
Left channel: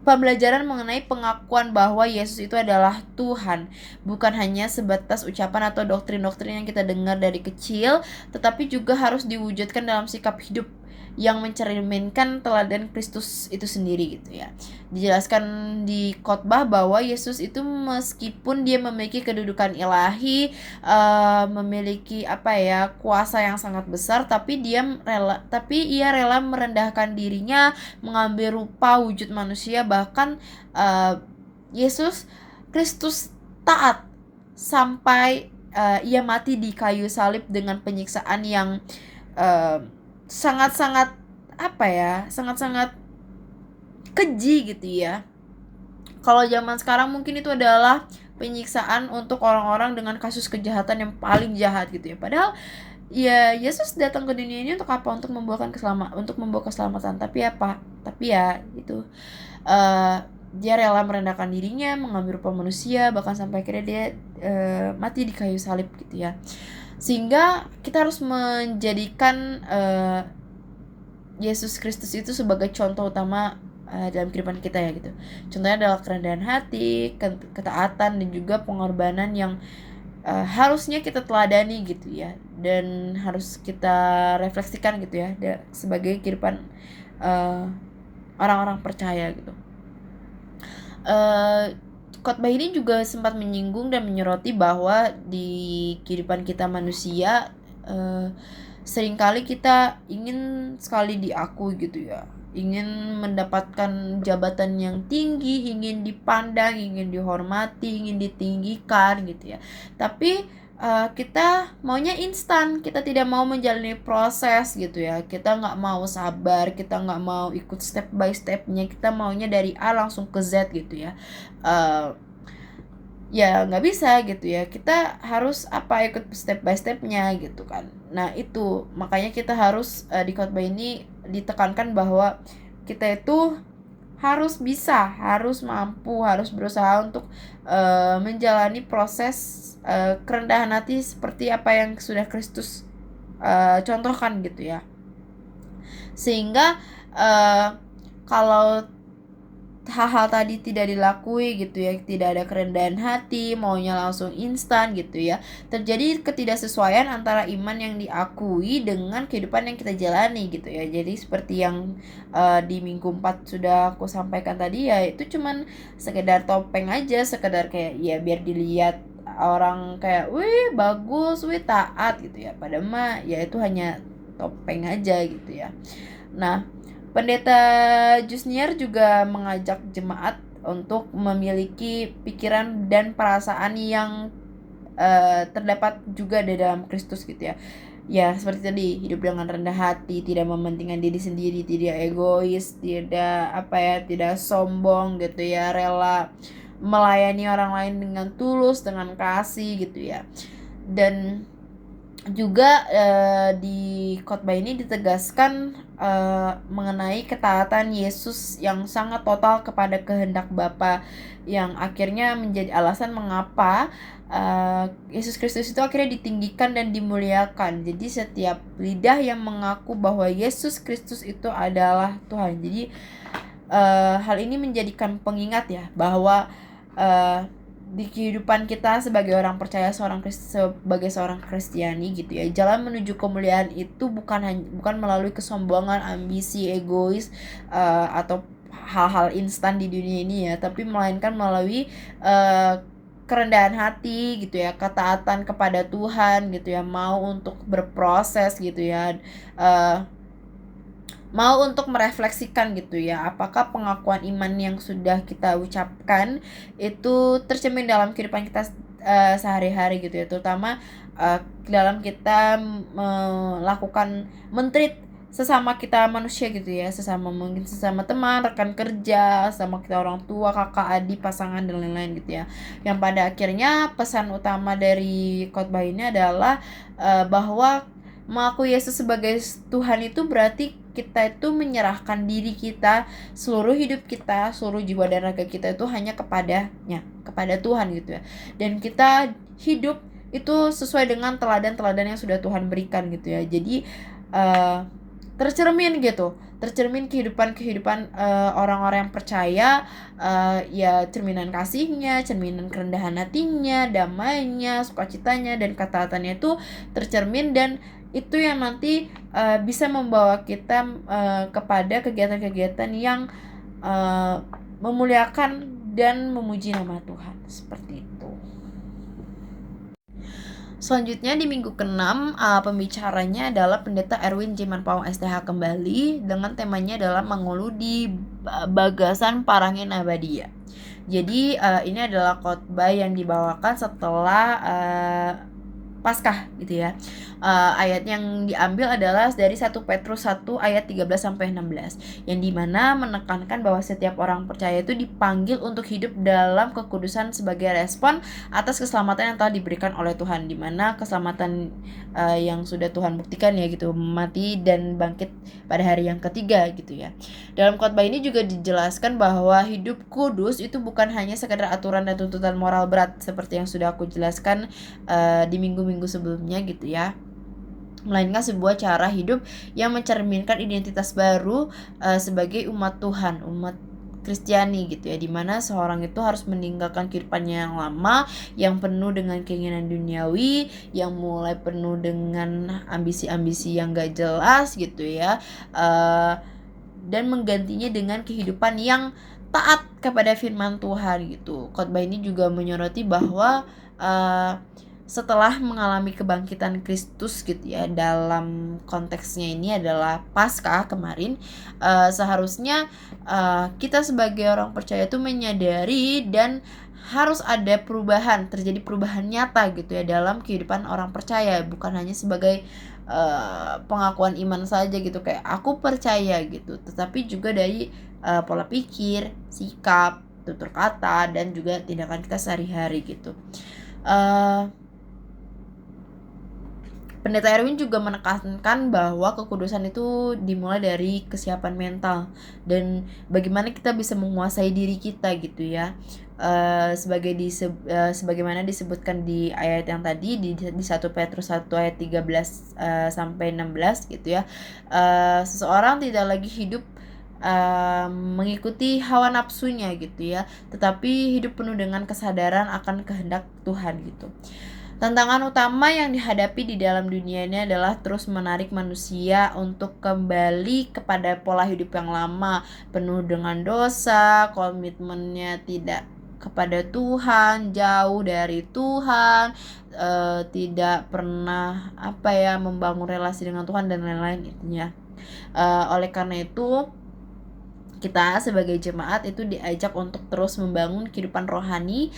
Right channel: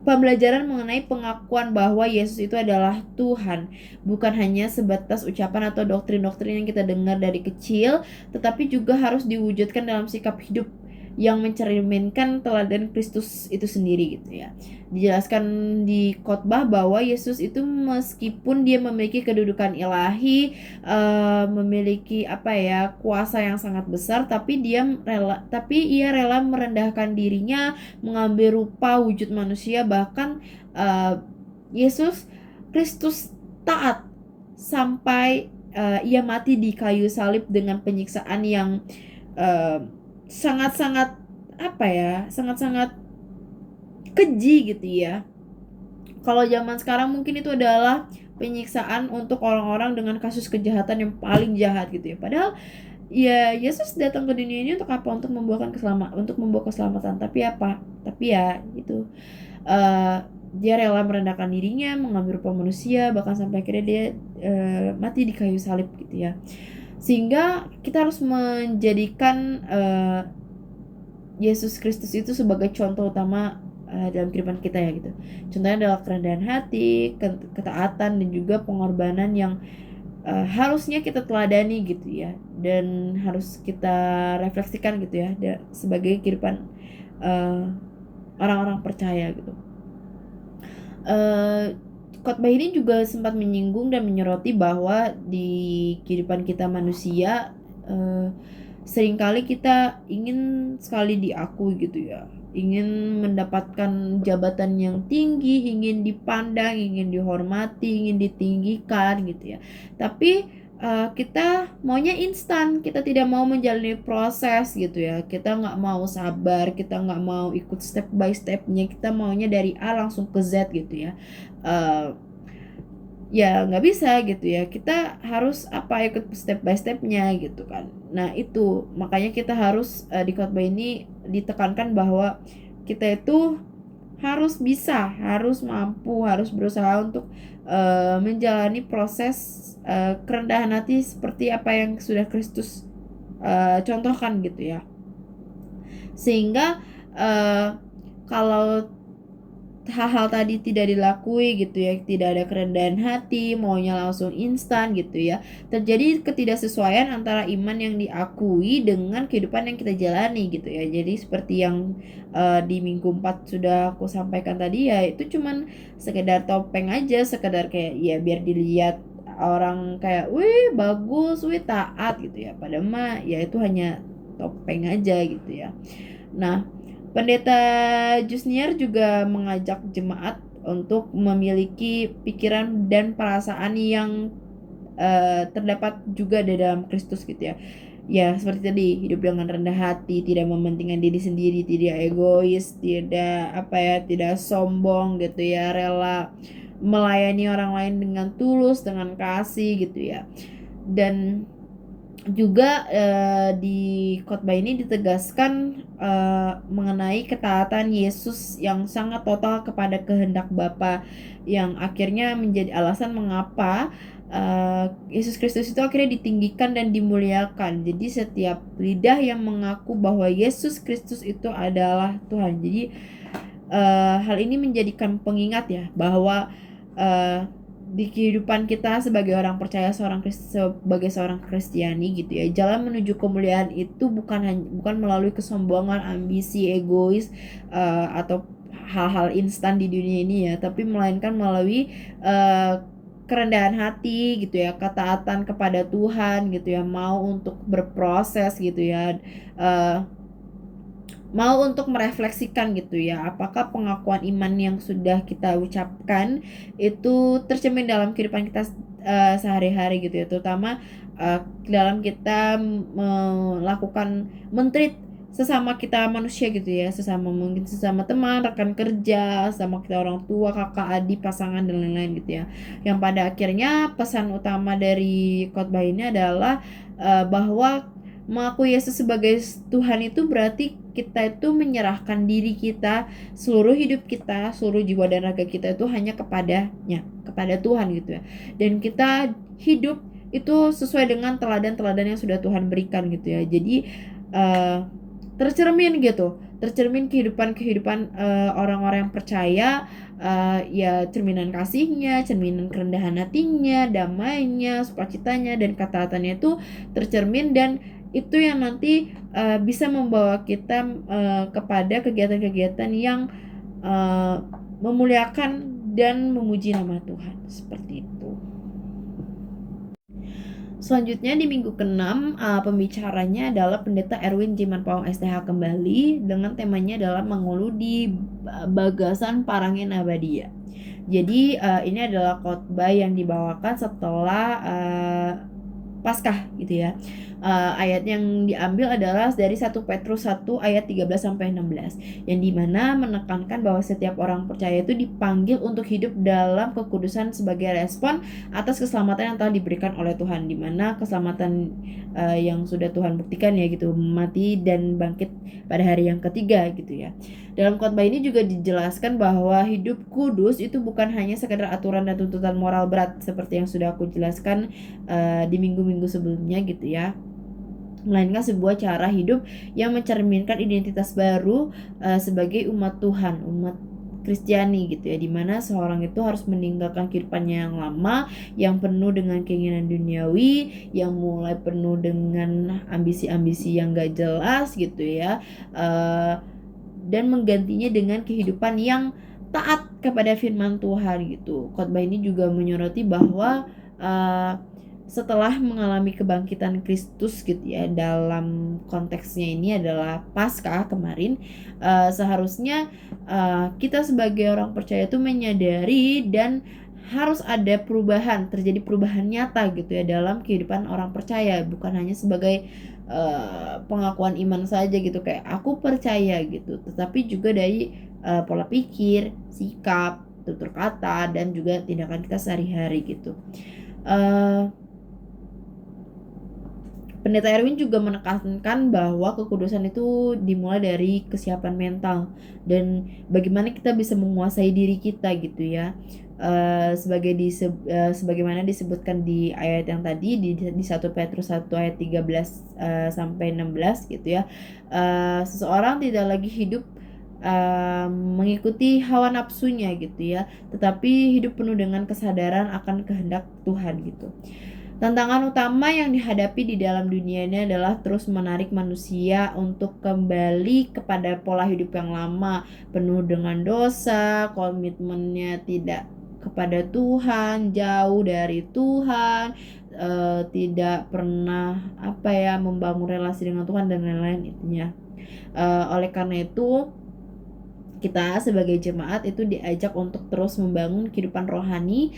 pembelajaran mengenai pengakuan bahwa Yesus itu adalah Tuhan bukan hanya sebatas ucapan atau doktrin-doktrin yang kita dengar dari kecil, tetapi juga harus diwujudkan dalam sikap hidup yang mencerminkan teladan Kristus itu sendiri gitu ya. Dijelaskan di khotbah bahwa Yesus itu meskipun dia memiliki kedudukan ilahi, memiliki kuasa yang sangat besar, tapi ia rela merendahkan dirinya, mengambil rupa wujud manusia, bahkan Yesus Kristus taat sampai ia mati di kayu salib dengan penyiksaan yang sangat-sangat sangat-sangat keji gitu ya. Kalau zaman sekarang mungkin itu adalah penyiksaan untuk orang-orang dengan kasus kejahatan yang paling jahat gitu ya. Padahal ya Yesus datang ke dunia ini untuk apa? Untuk membawa keselamatan. Tapi ya itu dia rela merendahkan dirinya, mengambil rupa manusia, bahkan sampai akhirnya dia mati di kayu salib gitu ya. Sehingga kita harus menjadikan Yesus Kristus itu sebagai contoh utama dalam kehidupan kita ya gitu. Contohnya adalah kerendahan hati, ketaatan, dan juga pengorbanan yang harusnya kita teladani gitu ya, dan harus kita refleksikan gitu ya sebagai kehidupan orang-orang percaya gitu. Khotbah ini juga sempat menyinggung dan menyoroti bahwa di kehidupan kita manusia seringkali kita ingin sekali diakui gitu ya, ingin mendapatkan jabatan yang tinggi, ingin dipandang, ingin dihormati, ingin ditinggikan gitu ya. Tapi kita maunya instan, kita tidak mau menjalani proses gitu ya, kita nggak mau sabar, kita nggak mau ikut step by stepnya, kita maunya dari A langsung ke Z gitu ya. Ya nggak bisa gitu ya, kita harus ikut step by stepnya gitu kan. Nah itu makanya kita harus di khotbah ini ditekankan bahwa kita itu harus bisa, harus mampu, harus berusaha untuk menjalani proses kerendahan hati seperti apa yang sudah Kristus contohkan gitu ya. Sehingga kalau hal-hal tadi tidak dilakui gitu ya, tidak ada kerendahan hati, maunya langsung instan gitu ya, terjadi ketidaksesuaian antara iman yang diakui dengan kehidupan yang kita jalani gitu ya. Jadi seperti yang di minggu 4 sudah aku sampaikan tadi ya, itu cuman sekedar topeng aja, sekedar kayak ya biar dilihat orang kayak wih bagus, wih taat gitu ya, padahal mah ya itu hanya topeng aja gitu ya. Nah, Pendeta Jusniar juga mengajak jemaat untuk memiliki pikiran dan perasaan yang terdapat juga di dalam Kristus gitu ya. ya seperti tadi, hidup dengan rendah hati, tidak mementingkan diri sendiri, tidak egois, tidak sombong gitu ya, rela melayani orang lain dengan tulus, dengan kasih gitu ya. Dan juga di khotbah ini ditegaskan mengenai ketaatan Yesus yang sangat total kepada kehendak Bapa, yang akhirnya menjadi alasan mengapa Yesus Kristus itu akhirnya ditinggikan dan dimuliakan. Jadi setiap lidah yang mengaku bahwa Yesus Kristus itu adalah Tuhan. Jadi hal ini menjadikan pengingat ya bahwa di kehidupan kita sebagai orang percaya, sebagai seorang Kristiani gitu ya, jalan menuju kemuliaan itu bukan melalui kesombongan, ambisi, egois atau hal-hal instan di dunia ini ya, tapi melainkan melalui kerendahan hati gitu ya, ketaatan kepada Tuhan gitu ya, mau untuk berproses gitu ya, mau untuk merefleksikan gitu ya, apakah pengakuan iman yang sudah kita ucapkan itu tercermin dalam kehidupan kita sehari-hari gitu ya, terutama dalam kita melakukan mentreat sesama kita manusia gitu ya, mungkin sesama teman, rekan kerja, sama kita orang tua, kakak, adik, pasangan dan lain-lain gitu ya. Yang pada akhirnya pesan utama dari khotbah ini adalah bahwa mengaku Yesus sebagai Tuhan itu berarti kita itu menyerahkan diri kita, seluruh hidup kita, seluruh jiwa dan raga kita itu hanya kepadanya, kepada Tuhan gitu ya. Dan kita hidup itu sesuai dengan teladan-teladan yang sudah Tuhan berikan gitu ya. Jadi tercermin kehidupan orang-orang yang percaya, ya cerminan kasihnya, cerminan kerendahan hatinya, damainya, sukacitanya, dan ketaatannya itu tercermin, dan itu yang nanti bisa membawa kita kepada kegiatan-kegiatan yang memuliakan dan memuji nama Tuhan, seperti itu. Selanjutnya di minggu ke-6 pembicaranya adalah Pendeta Erwin Jimanpawang STH kembali, dengan temanya adalah menguludi bagasan Parangin Abadia. Jadi ini adalah khotbah yang dibawakan setelah Paskah gitu ya. Ayat yang diambil adalah dari 1 Petrus 1 ayat 13-16, yang dimana menekankan bahwa setiap orang percaya itu dipanggil untuk hidup dalam kekudusan sebagai respon atas keselamatan yang telah diberikan oleh Tuhan, dimana keselamatan yang sudah Tuhan buktikan ya gitu, mati dan bangkit pada hari yang ketiga gitu ya. Dalam khotbah ini juga dijelaskan bahwa hidup kudus itu bukan hanya sekedar aturan dan tuntutan moral berat seperti yang sudah aku jelaskan di minggu-minggu sebelumnya gitu ya, melainkan sebuah cara hidup yang mencerminkan identitas baru sebagai umat Tuhan, umat Kristiani gitu ya, dimana seorang itu harus meninggalkan kehidupannya yang lama, yang penuh dengan keinginan duniawi, yang mulai penuh dengan ambisi-ambisi yang gak jelas gitu ya, dan menggantinya dengan kehidupan yang taat kepada firman Tuhan gitu. Khotbah ini juga menyoroti bahwa setelah mengalami kebangkitan Kristus gitu ya, dalam konteksnya ini adalah Paskah kemarin, seharusnya kita sebagai orang percaya itu menyadari dan harus ada terjadi perubahan nyata gitu ya dalam kehidupan orang percaya, bukan hanya sebagai pengakuan iman saja gitu, kayak aku percaya gitu, tetapi juga dari pola pikir, sikap, tutur kata, dan juga tindakan kita sehari-hari gitu. Pendeta Erwin juga menekankan bahwa kekudusan itu dimulai dari kesiapan mental dan bagaimana kita bisa menguasai diri kita gitu ya. Sebagaimana disebutkan di ayat yang tadi di 1 Petrus 1 ayat 13 sampai 16 gitu ya. Seseorang tidak lagi hidup mengikuti hawa nafsunya gitu ya, tetapi hidup penuh dengan kesadaran akan kehendak Tuhan gitu. Tantangan utama yang dihadapi di dalam dunia ini adalah terus menarik manusia untuk kembali kepada pola hidup yang lama, penuh dengan dosa, komitmennya tidak kepada Tuhan, jauh dari Tuhan, tidak pernah membangun relasi dengan Tuhan dan lain-lain intinya. Oleh karena itu kita sebagai jemaat itu diajak untuk terus membangun kehidupan rohani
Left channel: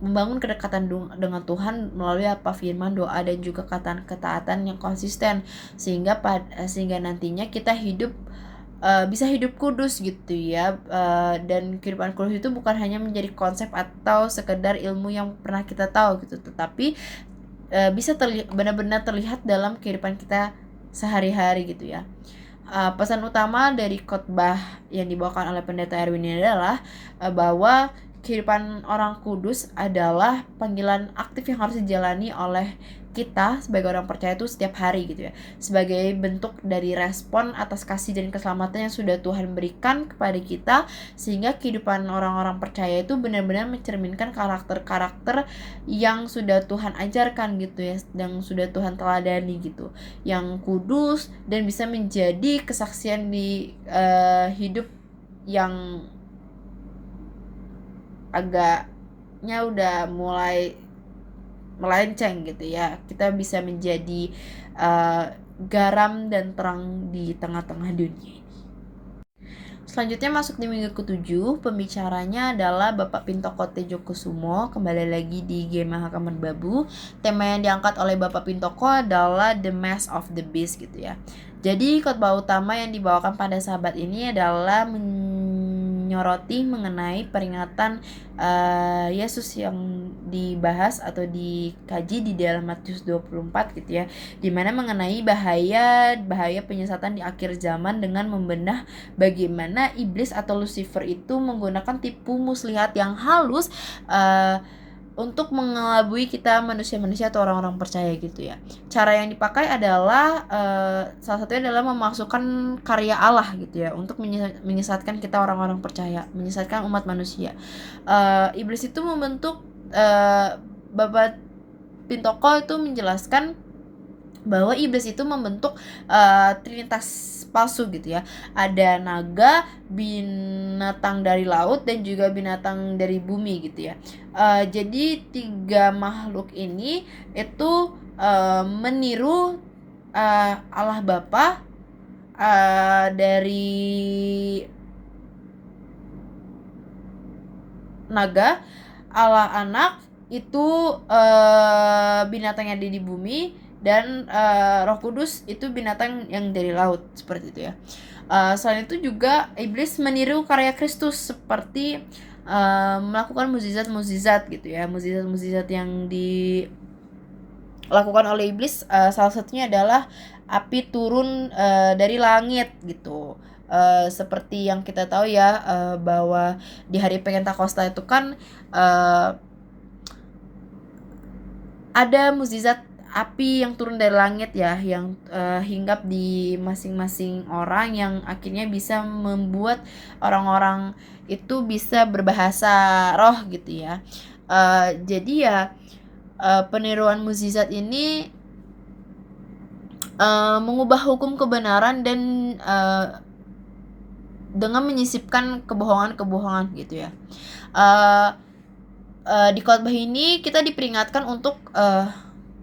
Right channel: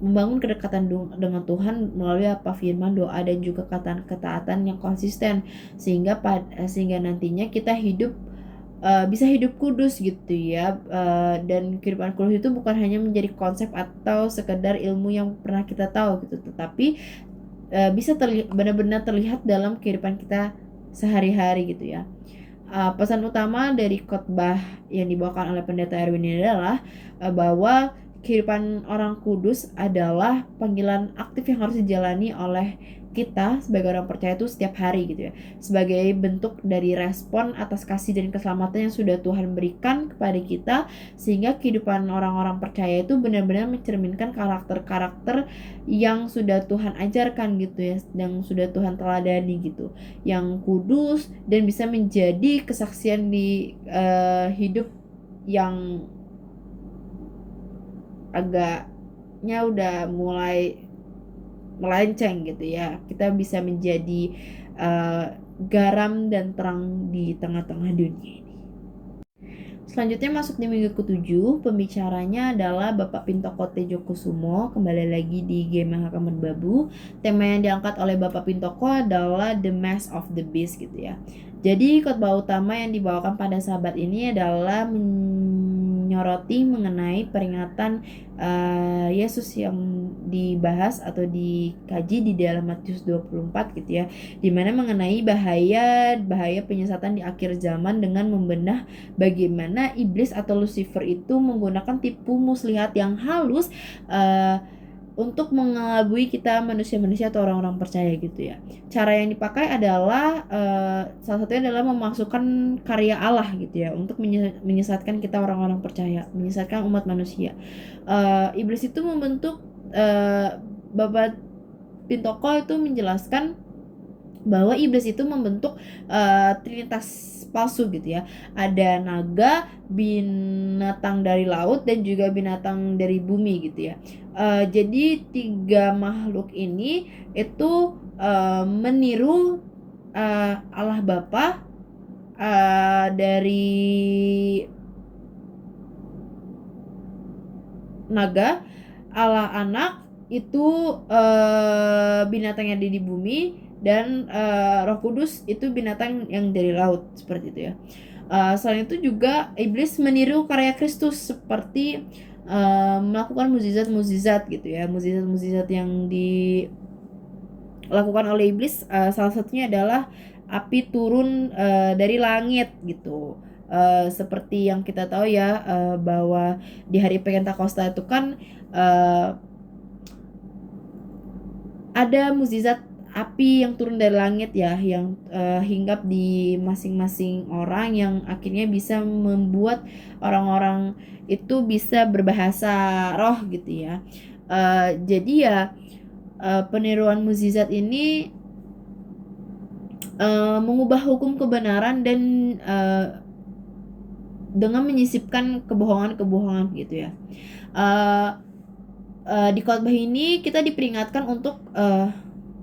membangun kedekatan dengan Tuhan melalui apa firman, doa, dan juga ketaatan yang konsisten, sehingga nantinya kita bisa hidup kudus gitu ya. Dan kehidupan kudus itu bukan hanya menjadi konsep atau sekedar ilmu yang pernah kita tahu gitu, tetapi bisa benar-benar terlihat dalam kehidupan kita sehari-hari gitu ya. Pesan utama dari khotbah yang dibawakan oleh Pendeta Erwin ini adalah bahwa kehidupan orang kudus adalah panggilan aktif yang harus dijalani oleh kita sebagai orang percaya itu setiap hari gitu ya, sebagai bentuk dari respon atas kasih dan keselamatan yang sudah Tuhan berikan kepada kita, sehingga kehidupan orang-orang percaya itu benar-benar mencerminkan karakter-karakter yang sudah Tuhan ajarkan gitu ya, yang sudah Tuhan teladani gitu, yang kudus dan bisa menjadi kesaksian di hidup yang agaknya udah mulai melenceng gitu ya. Kita bisa menjadi garam dan terang di tengah-tengah dunia ini. Selanjutnya masuk di minggu ke-7, pembicaranya adalah Bapak Pintoko Tejokusumo, kembali lagi di Gema Hakaman Babu. Tema yang diangkat oleh Bapak Pintoko adalah The Mask of the Beast gitu ya. Jadi khotbah utama yang dibawakan pada sahabat ini adalah menyoroti mengenai peringatan Yesus yang dibahas atau dikaji di dalam Matius 24 gitu ya, dimana mengenai bahaya penyesatan di akhir zaman dengan membenah bagaimana iblis atau Lucifer itu menggunakan tipu muslihat yang halus untuk mengelabui kita manusia-manusia atau orang-orang percaya gitu ya. Cara yang dipakai adalah salah satunya adalah memasukkan karya Allah gitu ya, untuk menyesatkan kita orang-orang percaya, menyesatkan umat manusia. Iblis itu membentuk Bapak Pintoko itu menjelaskan bahwa iblis itu membentuk trinitas palsu gitu ya. Ada naga, binatang dari laut, dan juga binatang dari bumi gitu ya. Jadi 3 makhluk ini itu meniru Allah Bapa dari naga, Allah Anak itu binatang yang ada di bumi, dan Roh Kudus itu binatang yang dari laut, seperti itu ya. Selain itu juga iblis meniru karya Kristus seperti melakukan mukjizat-mukjizat gitu ya. Mukjizat-mukjizat yang dilakukan oleh iblis salah satunya adalah api turun dari langit gitu. Seperti yang kita tahu ya, bahwa di hari Pentakosta itu kan ada mukjizat api yang turun dari langit ya, yang hinggap di masing-masing orang, yang akhirnya bisa membuat orang-orang itu bisa berbahasa roh gitu ya. Jadi ya peniruan mukjizat ini mengubah hukum kebenaran dan dengan menyisipkan kebohongan-kebohongan gitu ya. Di khotbah ini kita diperingatkan untuk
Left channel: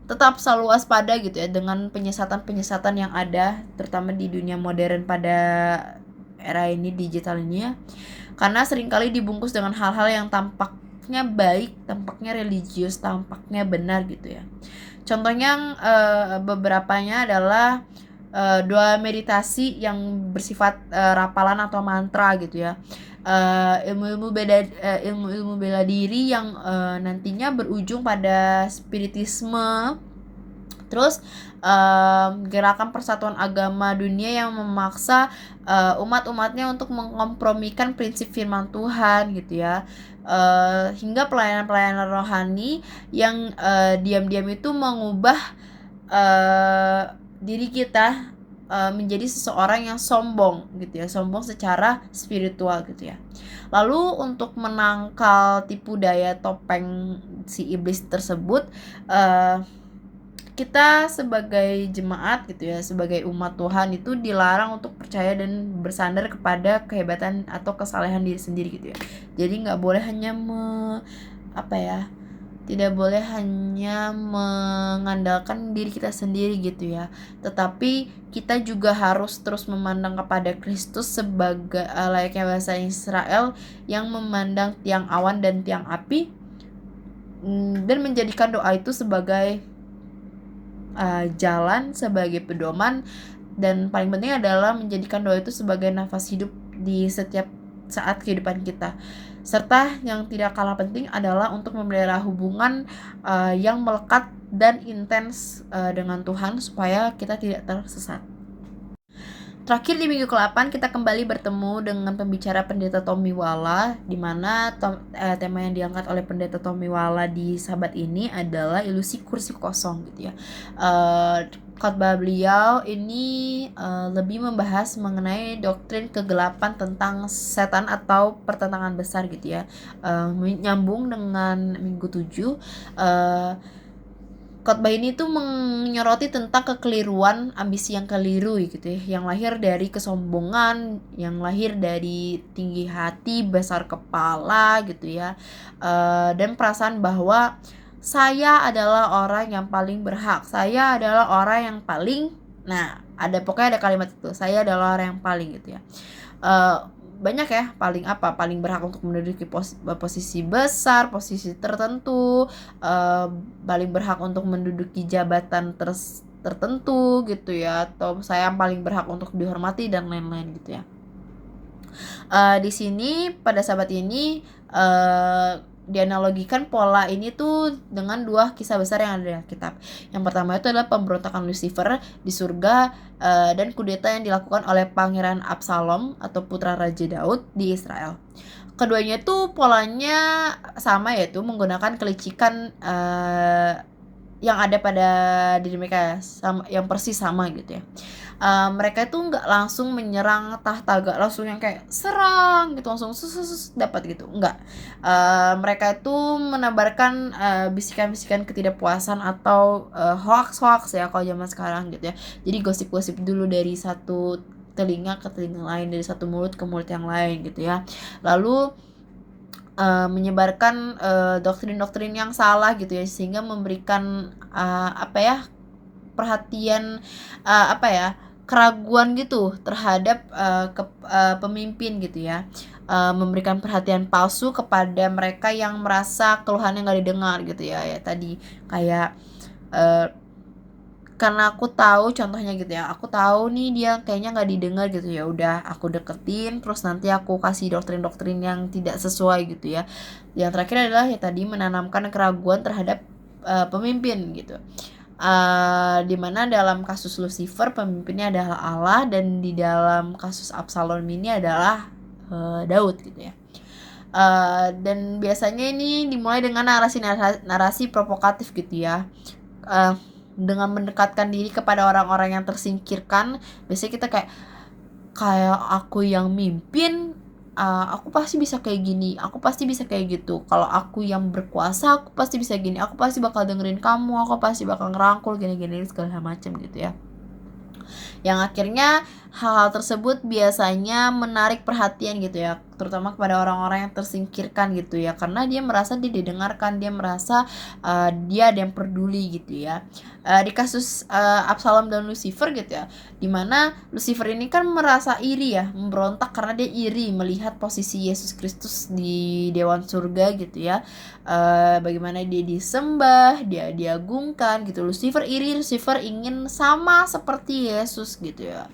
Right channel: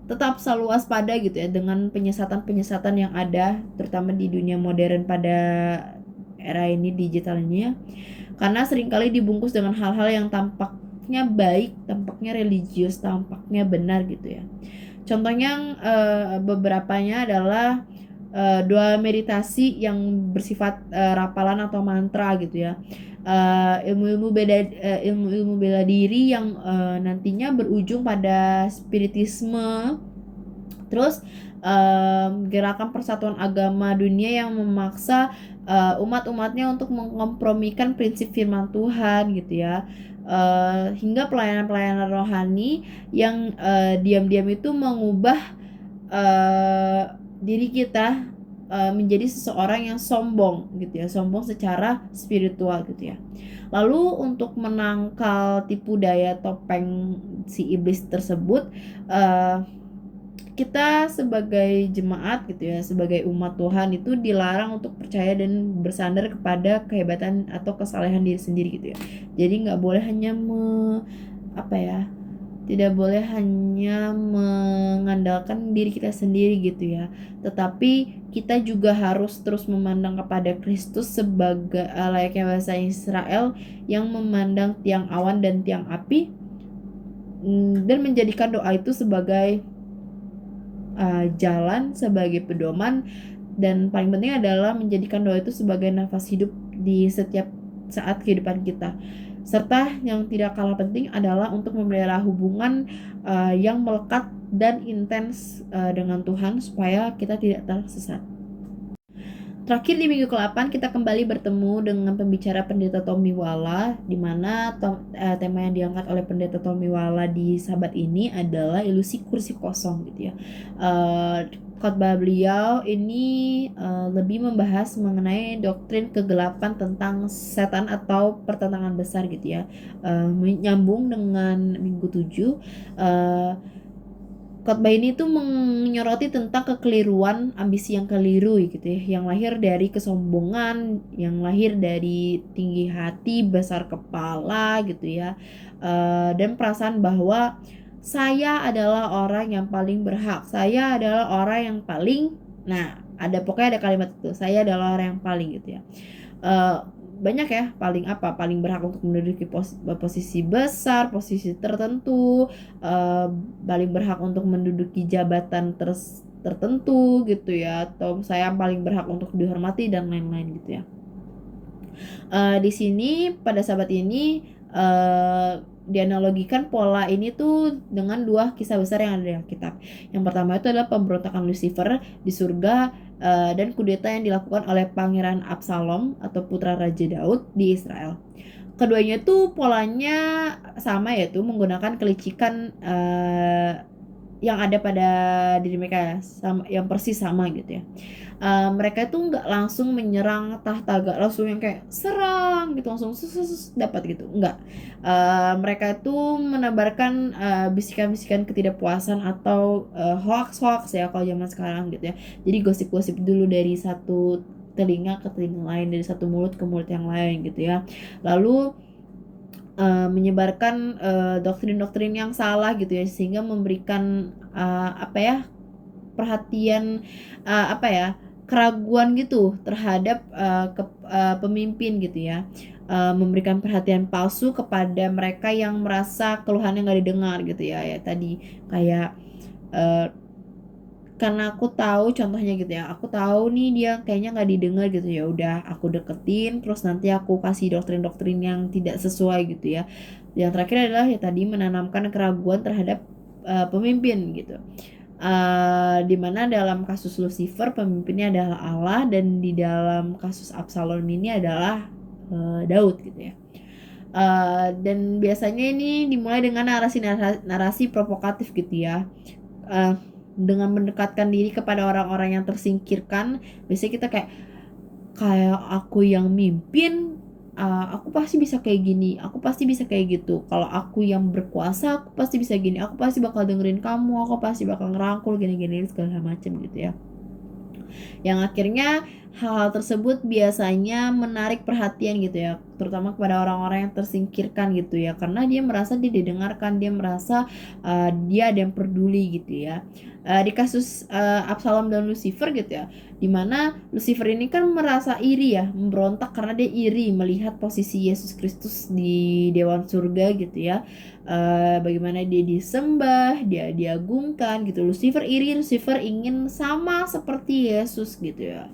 tetap selalu waspada gitu ya dengan penyesatan-penyesatan yang ada, terutama di dunia modern pada era ini, digital ini ya. Karena seringkali dibungkus dengan hal-hal yang tampaknya baik, tampaknya religius, tampaknya benar gitu ya. Contohnya beberapanya adalah doa meditasi yang bersifat rapalan atau mantra gitu ya. Ilmu-ilmu bela diri yang nantinya berujung pada spiritisme. Terus gerakan persatuan agama dunia yang memaksa umat-umatnya untuk mengkompromikan prinsip firman Tuhan gitu ya. Hingga pelayanan-pelayanan rohani yang diam-diam itu mengubah diri kita menjadi seseorang yang sombong gitu ya, sombong secara spiritual gitu ya. Lalu untuk menangkal tipu daya topeng si iblis tersebut, kita sebagai jemaat gitu ya, sebagai umat Tuhan itu dilarang untuk percaya dan bersandar kepada kehebatan atau kesalehan diri sendiri gitu ya. Jadi nggak boleh hanya tidak boleh hanya mengandalkan diri kita sendiri gitu ya, tetapi kita juga harus terus memandang kepada Kristus sebagai layaknya bahasa Israel yang memandang tiang awan dan tiang api dan menjadikan doa itu sebagai jalan, sebagai pedoman, dan paling penting adalah menjadikan doa itu sebagai nafas hidup di setiap saat kehidupan kita. Serta yang tidak kalah penting adalah untuk memelihara hubungan yang melekat dan intens dengan Tuhan supaya kita tidak tersesat. Terakhir di minggu ke-8 kita kembali bertemu dengan pembicara Pendeta Tomiwala, di mana tema yang diangkat oleh Pendeta Tomiwala di sahabat ini adalah ilusi kursi kosong gitu ya. Khotbah beliau ini lebih membahas mengenai doktrin kegelapan tentang setan atau pertentangan besar gitu ya. Menyambung dengan minggu 7. Khotbah ini tuh menyoroti tentang kekeliruan, ambisi yang keliru gitu ya, yang lahir dari kesombongan, yang lahir dari tinggi hati, besar kepala gitu ya, dan perasaan bahwa saya adalah orang yang paling berhak, saya adalah orang yang paling, nah pokoknya ada kalimat itu, saya adalah orang yang paling gitu ya. Banyak ya, paling berhak untuk menduduki posisi besar, posisi tertentu, paling berhak untuk menduduki jabatan tertentu gitu ya, atau saya yang paling berhak untuk dihormati dan lain-lain gitu ya. Di sini pada sahabat ini dianalogikan pola ini tuh dengan dua kisah besar yang ada di Alkitab. Yang pertama itu adalah pemberontakan Lucifer di surga dan kudeta yang dilakukan oleh Pangeran Absalom atau putra Raja Daud di Israel. Keduanya tuh polanya sama, yaitu menggunakan kelicikan yang ada pada diri mereka, sama, yang persis sama gitu ya. Mereka itu nggak langsung menyerang tahta, nggak langsung yang kayak serang gitu langsung dapat gitu, enggak. Mereka itu menebarkan bisikan-bisikan ketidakpuasan atau hoax ya kalau zaman sekarang gitu ya. Jadi gosip-gosip dulu dari satu telinga ke telinga lain, dari satu mulut ke mulut yang lain gitu ya. Lalu menyebarkan doktrin-doktrin yang salah gitu ya, sehingga memberikan perhatian keraguan gitu terhadap pemimpin gitu ya, memberikan perhatian palsu kepada mereka yang merasa keluhannya nggak didengar gitu ya. Ya tadi kayak karena aku tahu contohnya gitu ya, aku tahu nih dia kayaknya nggak didengar gitu, ya udah aku deketin, terus nanti aku kasih doktrin-doktrin yang tidak sesuai gitu ya. Yang terakhir adalah ya tadi menanamkan keraguan terhadap pemimpin gitu. Dimana dalam kasus Lucifer pemimpinnya adalah Allah, dan di dalam kasus Absalom ini adalah Daud gitu ya. Dan biasanya ini dimulai dengan narasi provokatif gitu ya, dengan mendekatkan diri kepada orang-orang yang tersingkirkan. Biasanya kita kayak aku yang mimpin, aku pasti bisa kayak gini, aku pasti bisa kayak gitu. Kalau aku yang berkuasa, aku pasti bisa gini, aku pasti bakal dengerin kamu, aku pasti bakal ngerangkul gini-gini segala macam gitu ya. Yang akhirnya hal-hal tersebut biasanya menarik perhatian gitu ya, terutama kepada orang-orang yang tersingkirkan gitu ya, karena dia merasa dia didengarkan, dia merasa dia ada yang peduli gitu ya. Di kasus Absalom dan Lucifer gitu ya, dimana Lucifer ini kan merasa iri ya, memberontak karena dia iri melihat posisi Yesus Kristus di dewan surga gitu ya, bagaimana dia disembah, dia diagungkan gitu. Lucifer iri, Lucifer ingin sama seperti Yesus gitu ya.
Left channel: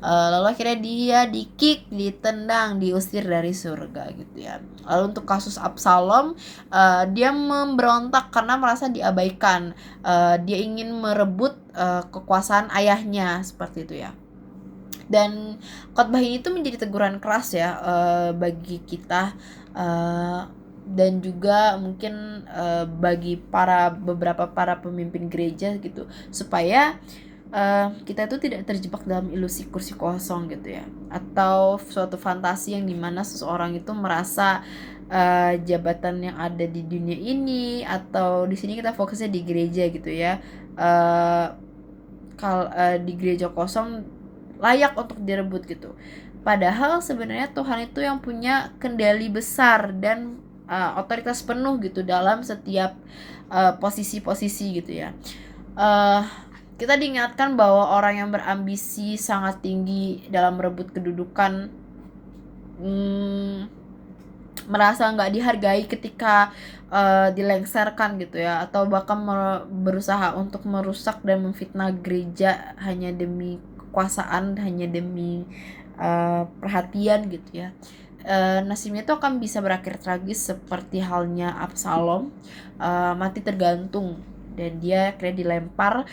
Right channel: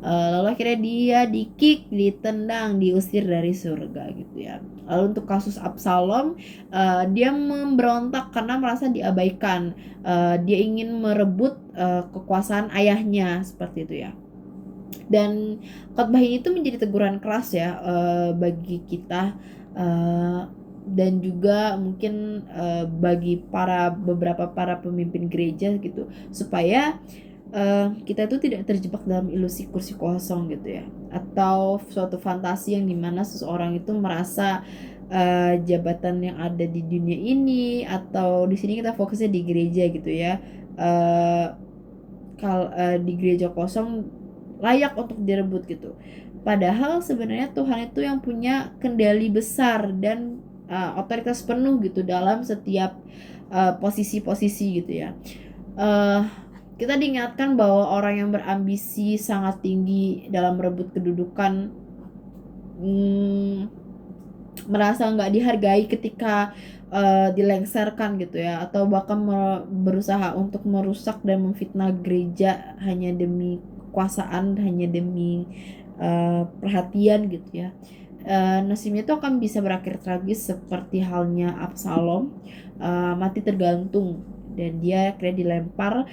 Lalu akhirnya dia di-kick, ditendang, diusir dari surga gitu ya. Lalu untuk kasus Absalom, dia memberontak karena merasa diabaikan. Dia ingin merebut kekuasaan ayahnya seperti itu ya. Dan khotbah ini tuh menjadi teguran keras ya bagi kita, dan juga mungkin bagi beberapa para pemimpin gereja gitu, supaya kita itu tidak terjebak dalam ilusi kursi kosong gitu ya, atau suatu fantasi yang dimana seseorang itu merasa jabatan yang ada di dunia ini, atau di sini kita fokusnya di gereja gitu ya, di gereja kosong layak untuk direbut gitu. Padahal sebenarnya Tuhan itu yang punya kendali besar dan otoritas penuh gitu dalam setiap posisi-posisi gitu ya. Kita diingatkan bahwa orang yang berambisi sangat tinggi dalam merebut kedudukan merasa nggak dihargai ketika dilengsarkan gitu ya, atau bahkan berusaha untuk merusak dan memfitnah gereja hanya demi kekuasaan, hanya demi perhatian gitu ya. Nasibnya itu akan bisa berakhir tragis seperti halnya Absalom, mati tergantung, dan dia akhirnya dilempar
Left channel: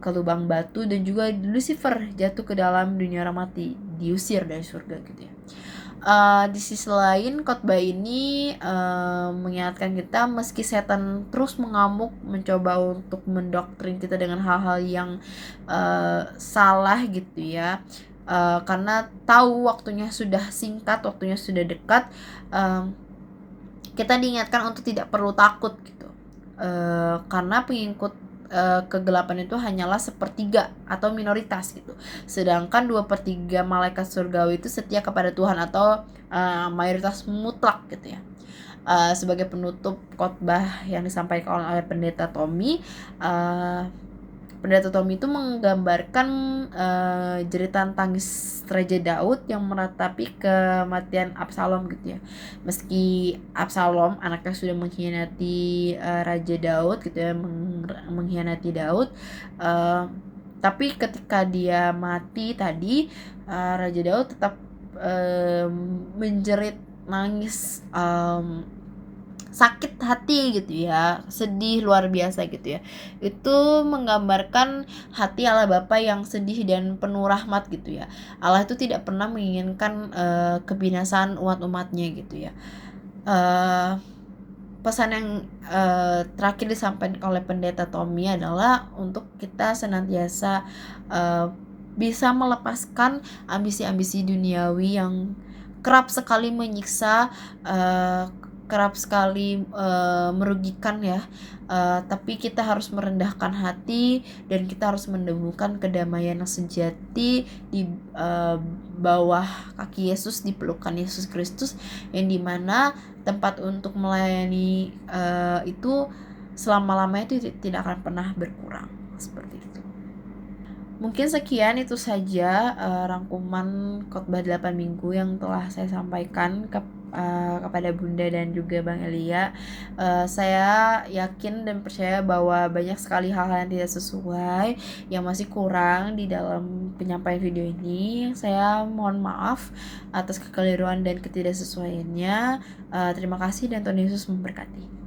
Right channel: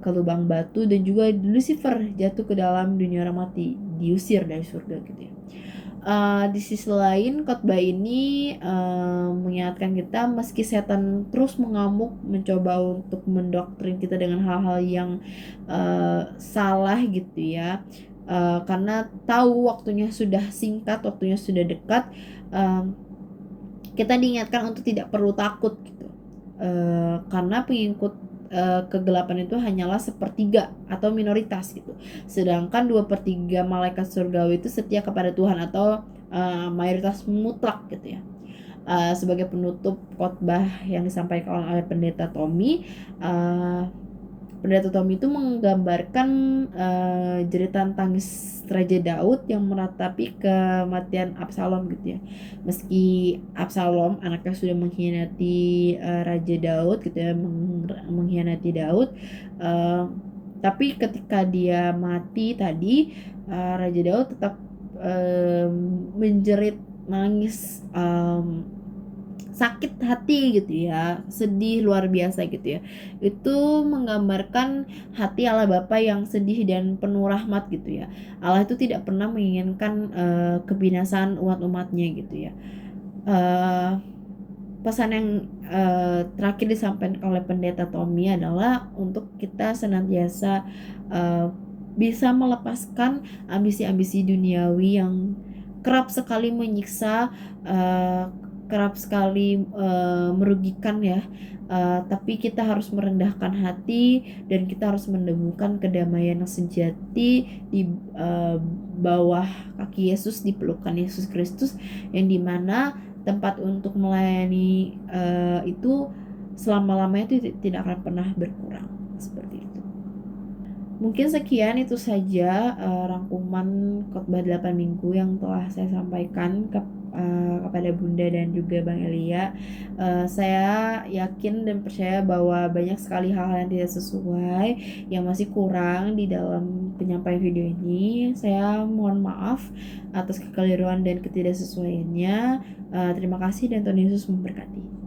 ke lubang batu, dan juga Lucifer jatuh ke dalam dunia mati, diusir dari surga gitu ya. Di sisi lain, khotbah ini mengingatkan kita, meski setan terus mengamuk mencoba untuk mendoktrin kita dengan hal-hal yang salah gitu ya, karena tahu waktunya sudah singkat, waktunya sudah dekat, kita diingatkan untuk tidak perlu takut gitu, karena pengikut kegelapan itu hanyalah sepertiga atau minoritas gitu, sedangkan 2/3 malaikat surgawi itu setia kepada Tuhan atau mayoritas mutlak gitu ya. Sebagai penutup khotbah yang disampaikan oleh Pendeta Tommy, Pendeta Tommy itu menggambarkan jeritan tangis Raja Daud yang meratapi kematian Absalom gitu ya. Meski Absalom anaknya sudah mengkhianati Raja Daud gitu ya, mengkhianati Daud, tapi ketika dia mati tadi, Raja Daud tetap menjerit nangis, sakit hati gitu ya, sedih luar biasa gitu ya. Itu menggambarkan hati Allah Bapa yang sedih dan penuh rahmat gitu ya. Allah itu tidak pernah menginginkan kebinasaan umat-umatnya gitu ya. Pesan yang terakhir disampaikan oleh Pendeta Tommy adalah untuk kita senantiasa bisa melepaskan ambisi-ambisi duniawi yang kerap sekali menyiksa, kerap sekali merugikan ya, tapi kita harus merendahkan hati dan kita harus menemukan kedamaian yang sejati di bawah kaki Yesus, di pelukan Yesus Kristus, yang dimana tempat untuk melayani itu selama-lamanya itu tidak akan pernah berkurang, seperti itu. Mungkin sekian itu saja rangkuman khotbah 8 minggu yang telah saya sampaikan kepada Bunda dan juga Bang Elia. Saya yakin dan percaya bahwa banyak sekali hal-hal yang tidak sesuai, yang masih kurang di dalam penyampaian video ini. Saya mohon maaf atas kekeliruan dan ketidaksesuaiannya. Terima kasih dan Tuhan Yesus memberkati.